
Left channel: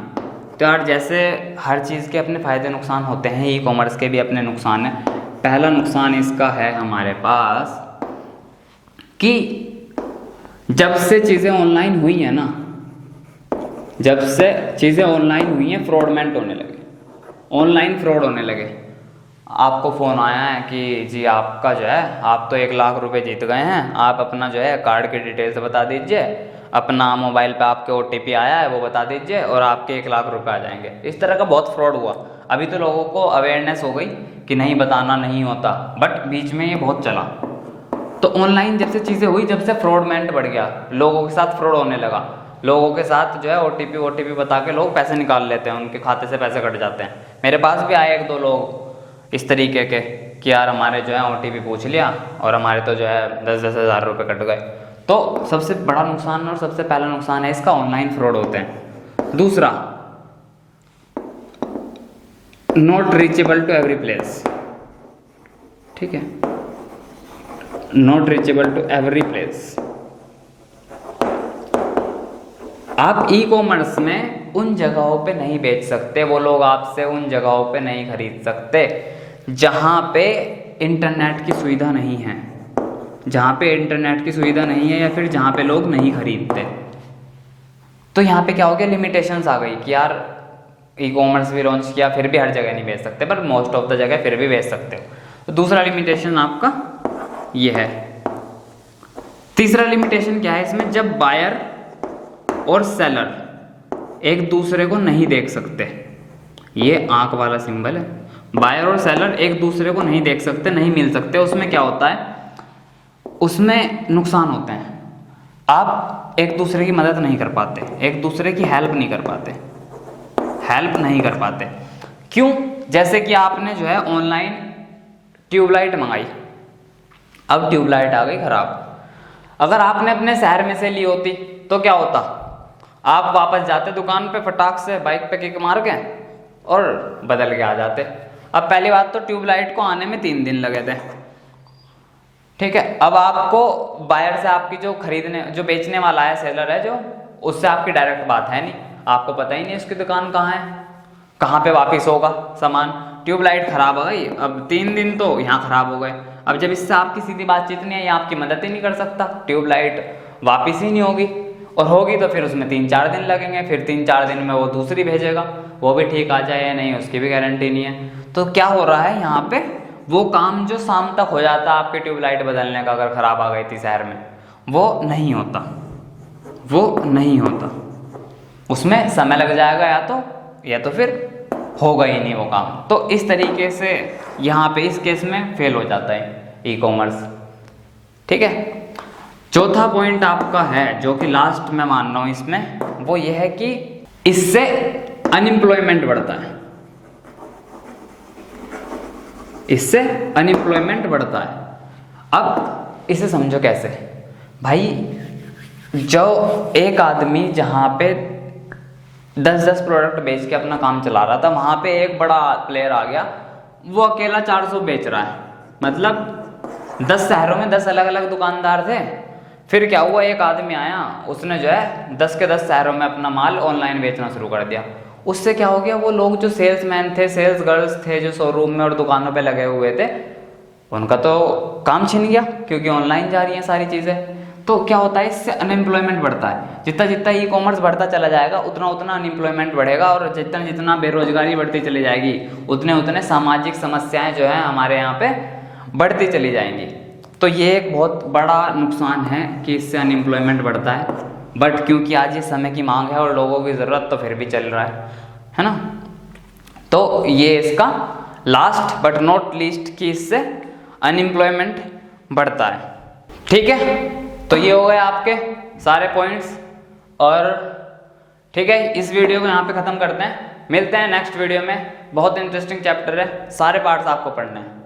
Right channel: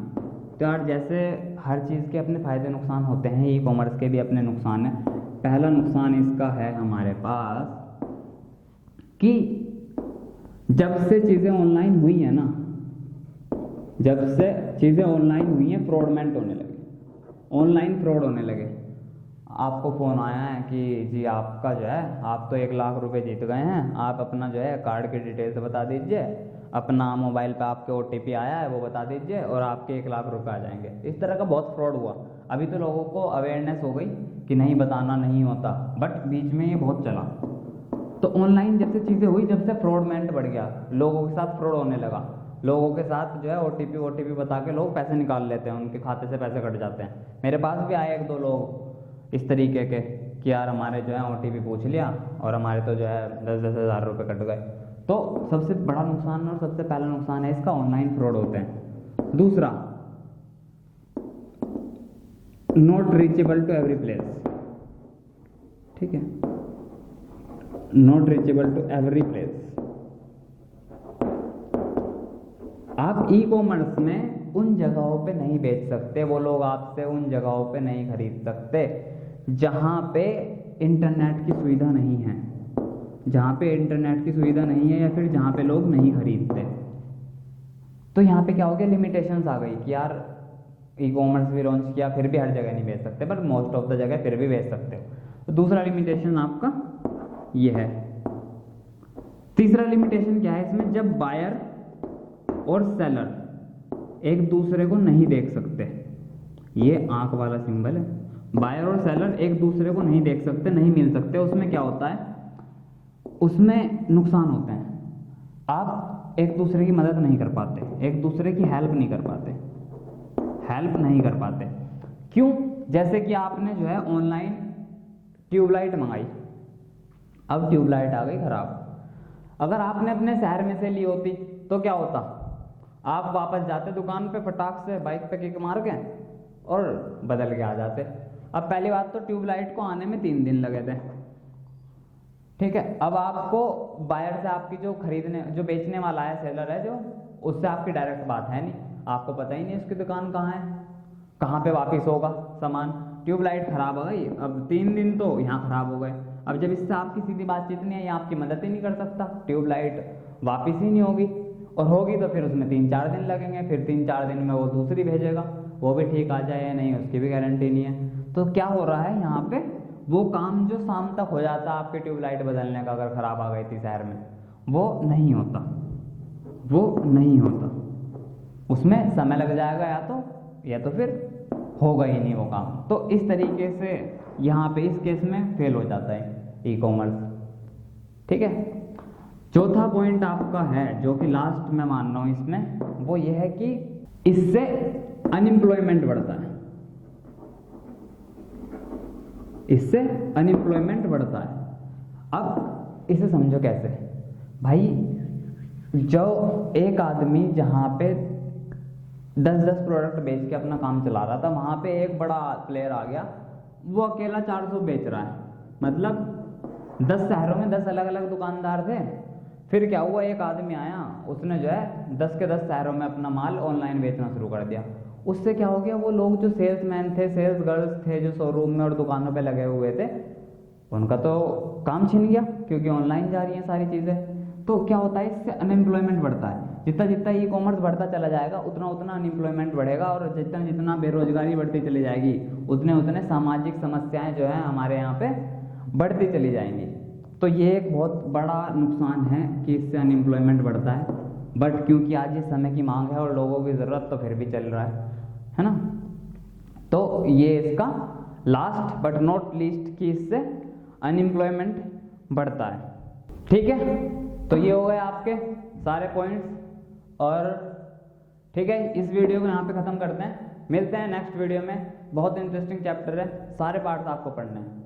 तो यार जैसे हर चीज़ के अपने फ़ायदे नुकसान होते हैं, ई कॉमर्स के भी अपने नुकसान हैं। पहला नुकसान इसका है हमारे पास कि जब से चीज़ें ऑनलाइन हुई हैं ना, जब से चीज़ें ऑनलाइन हुई हैं, फ्रॉडमेंट होने लगे, ऑनलाइन फ्रॉड होने लगे। आपको फ़ोन आया है कि जी आपका जो है, आप तो 1 लाख रुपए जीत गए हैं, आप अपना जो है कार्ड की डिटेल्स बता दीजिए, अपना मोबाइल पे आपके OTP आया है वो बता दीजिए और आपके 1 लाख रुपए आ जाएंगे। इस तरह का बहुत फ्रॉड हुआ। अभी तो लोगों को अवेयरनेस हो गई कि नहीं बताना नहीं होता, बट बीच में ये बहुत चला। तो ऑनलाइन जब से चीज़ें हुई, जब से फ्रॉडमेंट बढ़ गया, लोगों के साथ फ्रॉड होने लगा, लोगों के साथ जो है OTP बता के लोग पैसे निकाल लेते हैं, उनके खाते से पैसे कट जाते हैं। मेरे पास भी आए 1-2 लोग इस तरीके के कि यार हमारे जो है OTP पूछ लिया और हमारे तो जो है 10-10 हज़ार रुपये कट गए। तो सबसे बड़ा नुकसान और सबसे पहला नुकसान है इसका, ऑनलाइन फ्रॉड होते हैं। दूसरा, not reachable to every place, ठीक है, not reachable to every place. आप ई कॉमर्स में उन जगहों पे नहीं बेच सकते, वो लोग आपसे उन जगहों पे नहीं खरीद सकते जहाँ पे इंटरनेट की सुविधा नहीं है, जहाँ पे इंटरनेट की सुविधा नहीं है या फिर जहाँ पे लोग नहीं खरीदते। तो यहाँ पे क्या हो गया, लिमिटेशंस आ गई कि यार ई कॉमर्स भी लॉन्च किया फिर भी हर जगह नहीं बेच सकते, पर मोस्ट ऑफ द जगह फिर भी बेच सकते हो। तो दूसरा लिमिटेशन आपका ये है। तीसरा लिमिटेशन क्या है इसमें, जब बायर और सेलर एक दूसरे को नहीं देख सकते, ये आंख वाला सिंबल है, बायर और सेलर एक दूसरे को नहीं देख सकते, नहीं मिल सकते, उसमें क्या होता है, उसमें नुकसान होते हैं। आप एक दूसरे की मदद नहीं कर पाते, एक दूसरे की हेल्प नहीं कर पाते, हेल्प नहीं कर पाते। क्यों? जैसे कि आपने जो है ऑनलाइन ट्यूबलाइट मंगाई, अब ट्यूबलाइट आ गई खराब। अगर आपने अपने शहर में से ली होती तो क्या होता? आप वापस जाते दुकान पे, फटाक से बाइक पे किक मार के और बदल के आ जाते। अब पहली बात तो ट्यूबलाइट को आने में 3 दिन लगे थे, ठीक है। अब आपको बायर से, आपकी जो जो बेचने वाला है, सेलर है जो, उससे आपकी डायरेक्ट बात है नहीं, आपको पता ही नहीं उसकी दुकान कहाँ है, कहाँ पे वापस होगा सामान। ट्यूबलाइट खराब हो गई, अब 3 दिन तो यहाँ खराब हो गए। अब जब इससे आपकी सीधी बातचीत नहीं है, ये आपकी मदद ही नहीं कर सकता, ट्यूबलाइट वापस ही नहीं होगी, और होगी तो फिर उसमें 3-4 दिन लगेंगे, फिर 3-4 दिन में वो दूसरी भेजेगा, वो भी ठीक आ जाए या नहीं उसकी भी गारंटी नहीं है। तो क्या हो रहा है यहाँ पे, वो काम जो शाम तक हो जाता आपके ट्यूबलाइट बदलने का, अगर ख़राब आ गई थी शहर में, वो नहीं होता, वो नहीं होता, उसमें समय लग जाएगा या तो फिर होगा ही नहीं वो काम। तो इस तरीके से यहाँ पे इस केस में फेल हो जाता है ई कॉमर्स, ठीक है। चौथा पॉइंट आपका है जो कि लास्ट मैं मान रहा हूँ इसमें, वो ये है कि इससे अनएम्प्लॉयमेंट बढ़ता है, इससे अनएम्प्लॉयमेंट बढ़ता है। अब इसे समझो कैसे भाई, जो एक आदमी जहाँ पे 10-10 प्रोडक्ट बेच के अपना काम चला रहा था, वहाँ पे एक बड़ा प्लेयर आ गया, वो अकेला 400 बेच रहा है, मतलब 10 शहरों में 10 अलग अलग दुकानदार थे। फिर क्या हुआ, एक आदमी आया, उसने जो है 10 के 10 शहरों में अपना माल ऑनलाइन बेचना शुरू कर दिया। उससे क्या हो गया, वो लोग जो सेल्समैन थे, सेल्स गर्ल्स थे, जो शोरूम में और दुकानों पे लगे हुए थे, उनका तो काम छिन गया, क्योंकि ऑनलाइन जा रही हैं सारी चीज़ें। तो क्या होता है, इससे अनएम्प्लॉयमेंट बढ़ता है। जितना जितना ई कॉमर्स बढ़ता चला जाएगा, उतना उतना अनएम्प्लॉयमेंट बढ़ेगा, और जितना जितना बेरोजगारी बढ़ती चली जाएगी, उतने उतने सामाजिक समस्याएं जो है हमारे यहाँ पे बढ़ती चली जाएंगी। तो ये एक बहुत बड़ा नुकसान है कि इससे अनएम्प्लॉयमेंट बढ़ता है। बट क्योंकि आज ये समय की मांग है और लोगों की ज़रूरत तो फिर भी चल रहा है ना। तो ये इसका लास्ट बट नॉट लीस्ट कि इससे अनएम्प्लॉयमेंट बढ़ता है, ठीक है। तो ये हो गए आपके सारे पॉइंट्स, और ठीक है, इस वीडियो को यहाँ पे ख़त्म करते हैं। मिलते हैं नेक्स्ट वीडियो में, बहुत इंटरेस्टिंग चैप्टर है, सारे पार्ट्स आपको पढ़ने हैं।